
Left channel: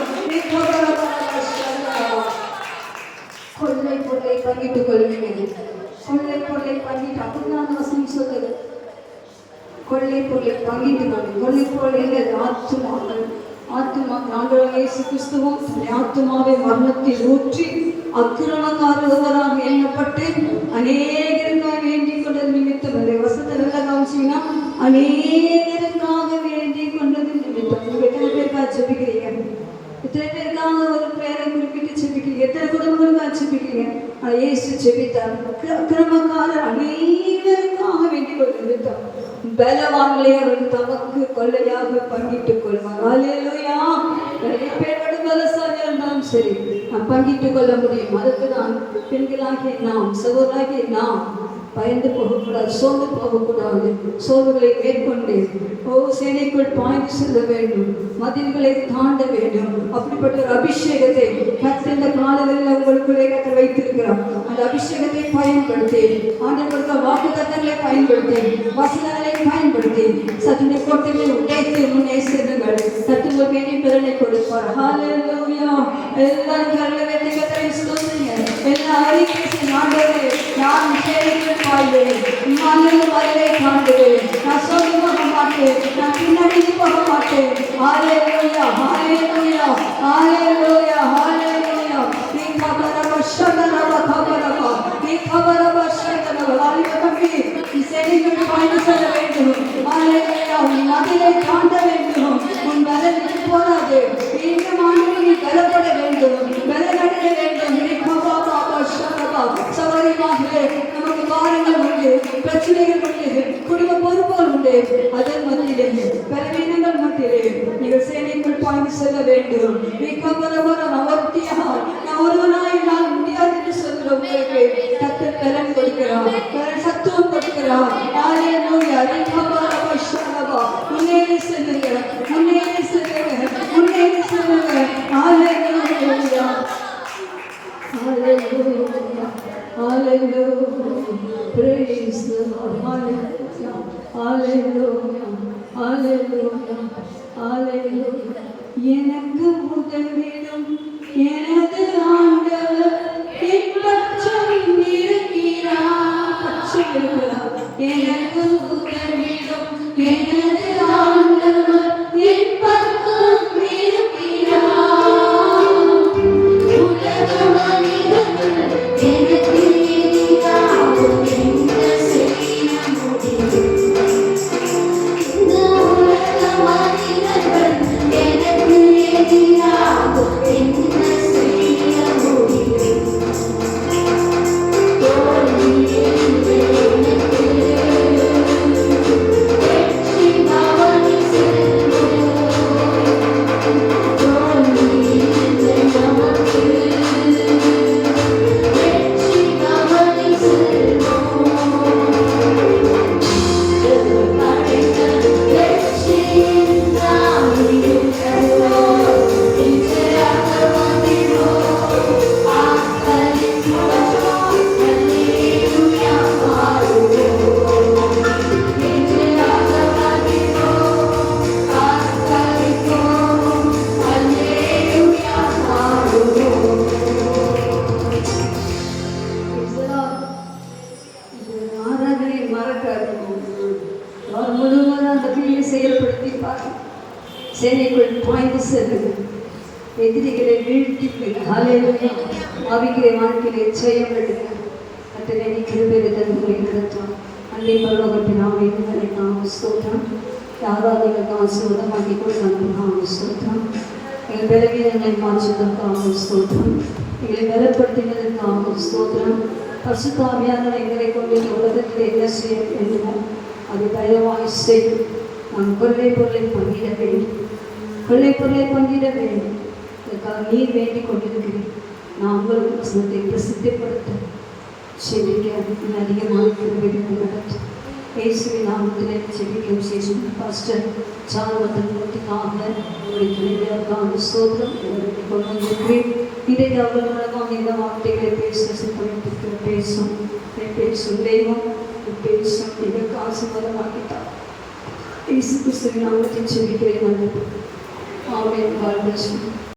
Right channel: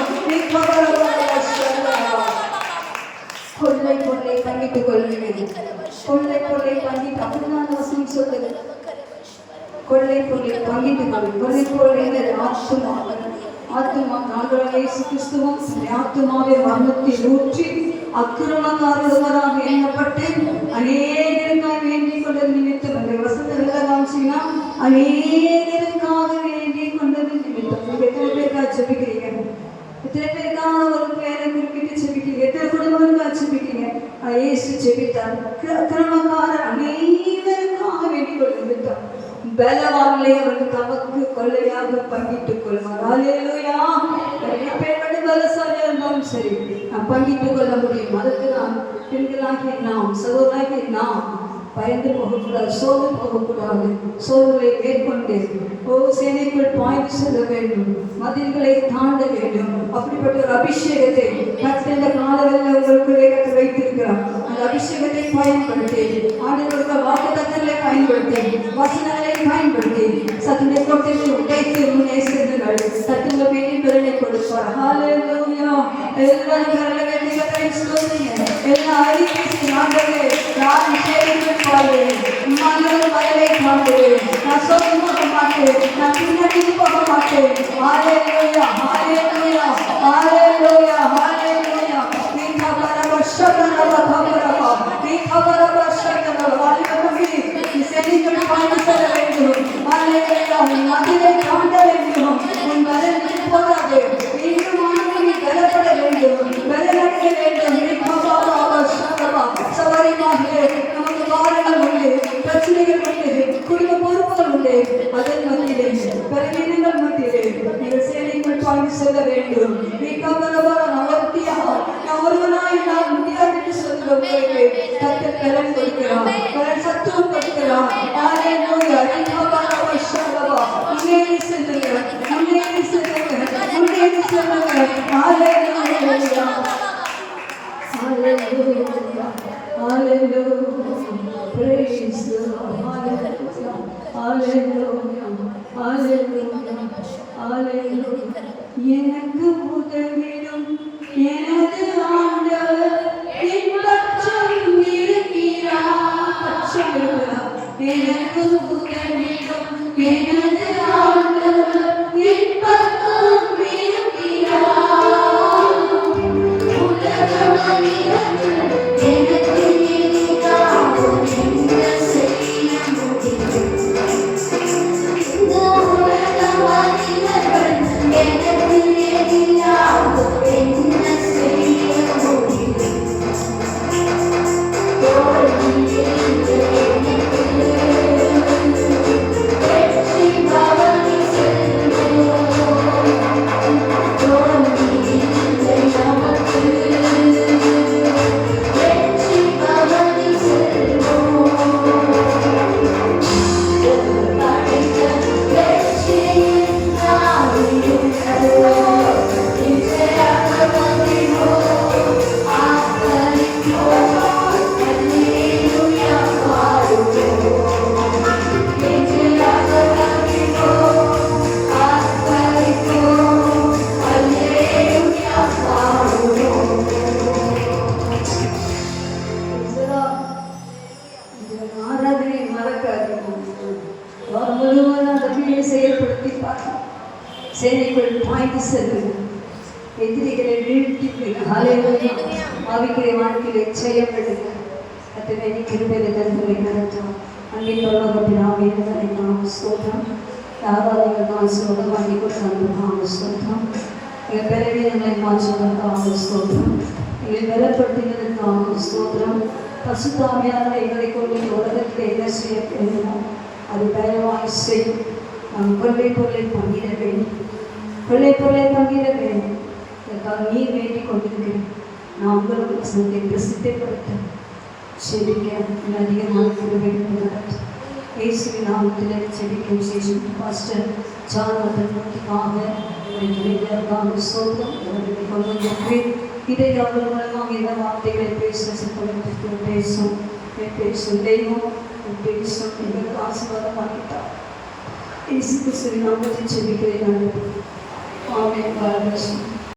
கொள்ளை பொருளை பங்கிட்டுக் கொள்ளுங்கள், கொள்ளை பொருளை பங்கிட்டு, அப்படிதான் வசனம் சொல்லுது. கொள்ளை பொருளை பங்கிட்டுக் கொள்ளுங்கள். கொள்ளை பொருள் ஆத்துமாக்கள், ஆத்துமா நாங்கள் இயேசு கிறிஸ்துவும் ஆத்துமாவை மரணத்தில் ஊற்றி அக்கிரமக்காரராக எண்ணப்பட்டு அநேகருக்காக வேண்டிக் கொண்டது நிமித்தம், இந்த வசனத்தை காமிச்சீங்கன்னா அநேகருக்காக வேண்டிக் கொண்டது நிமித்தம். எத்தனை பேருக்காக ஜெபிக்கிறீங்க? எத்தனை பேருக்கான ஒரு பேரை குறிப்பிட்டு ஜெபிக்கிறீங்க? எத்தனை குடும்பங்களுக்காக ஜெபிக்கிறீங்க? இயேசு ஜெபித்தார். அக்கிரமக்காரர் அநேகருக்காக வேண்டிக் கொண்டு நிமித்தம் பலவான்களை அவருக்கு தமக்கு கொள்ளையாக பங்கிட்டுக் கொள்வார். ஹல்லேலூயா. நிறைய பேர் பலசாலியா இருந்தாலும் சரி, நாம் பங்கிட்டுக் கொள்ள முடியும். அதுக்கு நாம் பெண்களாகி, நாம் சகோதராகி நாம் பயந்து போகக்கூடாது, சோதனை போகக்கூடாது. சோதனை மேற்கொண்டு சேனைக்குள் பாய்ந்து செல்ல வேண்டும், மதில்களை தாண்ட வேண்டும். அப்படிப்பட்ட ஒரு அபிஷேகத்தை கர்த்தர் இந்த காலங்களில் அவர்களுக்குள்ளே வைத்திருக்கிறார். அந்த அபிஷேகத்தை பயன்படுத்தி, ஆண்டவருக்கு வாக்குத்தத்தங்களை பயன்படுத்தி, வசனங்களை பயன்படுத்தி, சத்துடைய கோட்டையை உடைத்து முன்னே செல்லுங்கள். கர்த்தர் வேண்டிய பலனை கொடுப்பார். ஹல்லேலூயா. எல்லாரும் கரங்களை வெட்டி கர்த்தரை ஸ்தோத்திரிங்க. எல்லா அறிக்கை ஆண்டவரே, நான் சேனைக்குள் பாய்வேன், மண்ணில் வயலை காண்பேன், நான் சோதனை போக மாட்டேன், நான் பின்னாடி போக மாட்டேன். ஹல்லேலூயா. ஹல்லேலூயா. ஹல்லேலூயா. ஹல்லேலூயா. நீ கபரவ ஷபரவ கபரவ, நீ கபரவ ஷபரவ. ஹல்லேலூயா. நீ சேனைக்குள் பாய்ந்து செல்ல வேண்டும். ஹல்லேலூயா. உன் மதிலை தாண்ட வேண்டும். உன் பலனுக்கு போராது. இன்னும் ஆண்டவரே பலப்பட வேண்டும், பலனடைய வேண்டும். நீ கபரவ ஷபரவ. சவாரிமாகவே நமக்கு காரணங்கள் உண்டு, பிரச்சனைகள் உண்டு, குடும்ப பொறுப்புகள் உண்டு. அதன் மத்தியிலே, பலவீனங்கள் மத்தியிலே நீங்கள் சேனைக்குள் பாய்ந்து செல்ல வேண்டும். நீ கவலைவர நவர்த்தியாக நான் ஒருவனாய் நான் முடியாது என்று சொல்கிற உங்களுக்கு கர்த்தர் பலன் கொடுக்கிறார், சத்துவம் கொடுக்கிறார். ஹல்லேலூயா. நீ கவலைவர ஷபரவ. முன்னேறி செல்லுங்கள், முன்னேறி செல்லுங்கள், முன்னேறி செல்லுங்கள். ஹல்லேலூயா. Hallelujah, hallelujah, praise the Lord, hallelujah, hallelujah, hallelujah, hallelujah. எனக்கு உதவிடும் எனது ஆண்டவர் என் பட்சம் இருக்கிறார். எனக்கு உதவிடும் எனது ஆண்டவர் என் பட்சம் இருக்கிறார். எதிரிகளை வீழ்த்தி ஹalleluya ஆவிக்குரிய வாழ்க்கையிலே ஜெயம் எடுக்க கர்த்தரே கிருபையை தந்து நடத்தும் அன்னை பரலோகத்தினாலே உங்களுக்கு ஸ்தோத்திரம் ஆராதனைக்கு சுகம் பண்ணி கொடுத்தாங்க ஸ்தோத்திரம் பலவீனங்களை மாற்றுவதற்காக ஸ்தோத்திரம் எங்களை பலப்படுத்துவதற்காக ஸ்தோத்திரம் பசுத்தாமியானவை எங்களை கொண்டு உலகத்தில் என்ன செய்ய வேண்டுமோ அது பலமாய் செய்யும் நாம் கொள்ளை பொருளை பங்கிட வேண்டும் கொள்ளை பொருளை பங்கிட வேண்டும் இதற்காக நீ வேண்டிக் கொண்டிருக்கிறேன் நான் உங்கள் வசனத்தை பிரசித்தப்படுத்த செபிக்க அதிகமாக கிருபையோடு நடத்தும் இயேசுவின் நாமத்திலே செபிக்கும் செய்யும் பாஸ்டர் ஜானதனுக்காக ஒரு கிருபையாக ஸ்தோத்திரம் கொண்டு வந்திருக்கிறேன். இதை அவர்கள் மூலமாக என்ன வார்த்தைகளை பேச சித்தரித்திருக்கிற பேசும் தெய்வம் பேசும் எங்களுக்கு ஆசீர்வாதம் ஆகிட்டார். இயேசு கிறிஸ்துவின் நாமத்தில் செபிக்கிறேன். ஆமென். God bless you.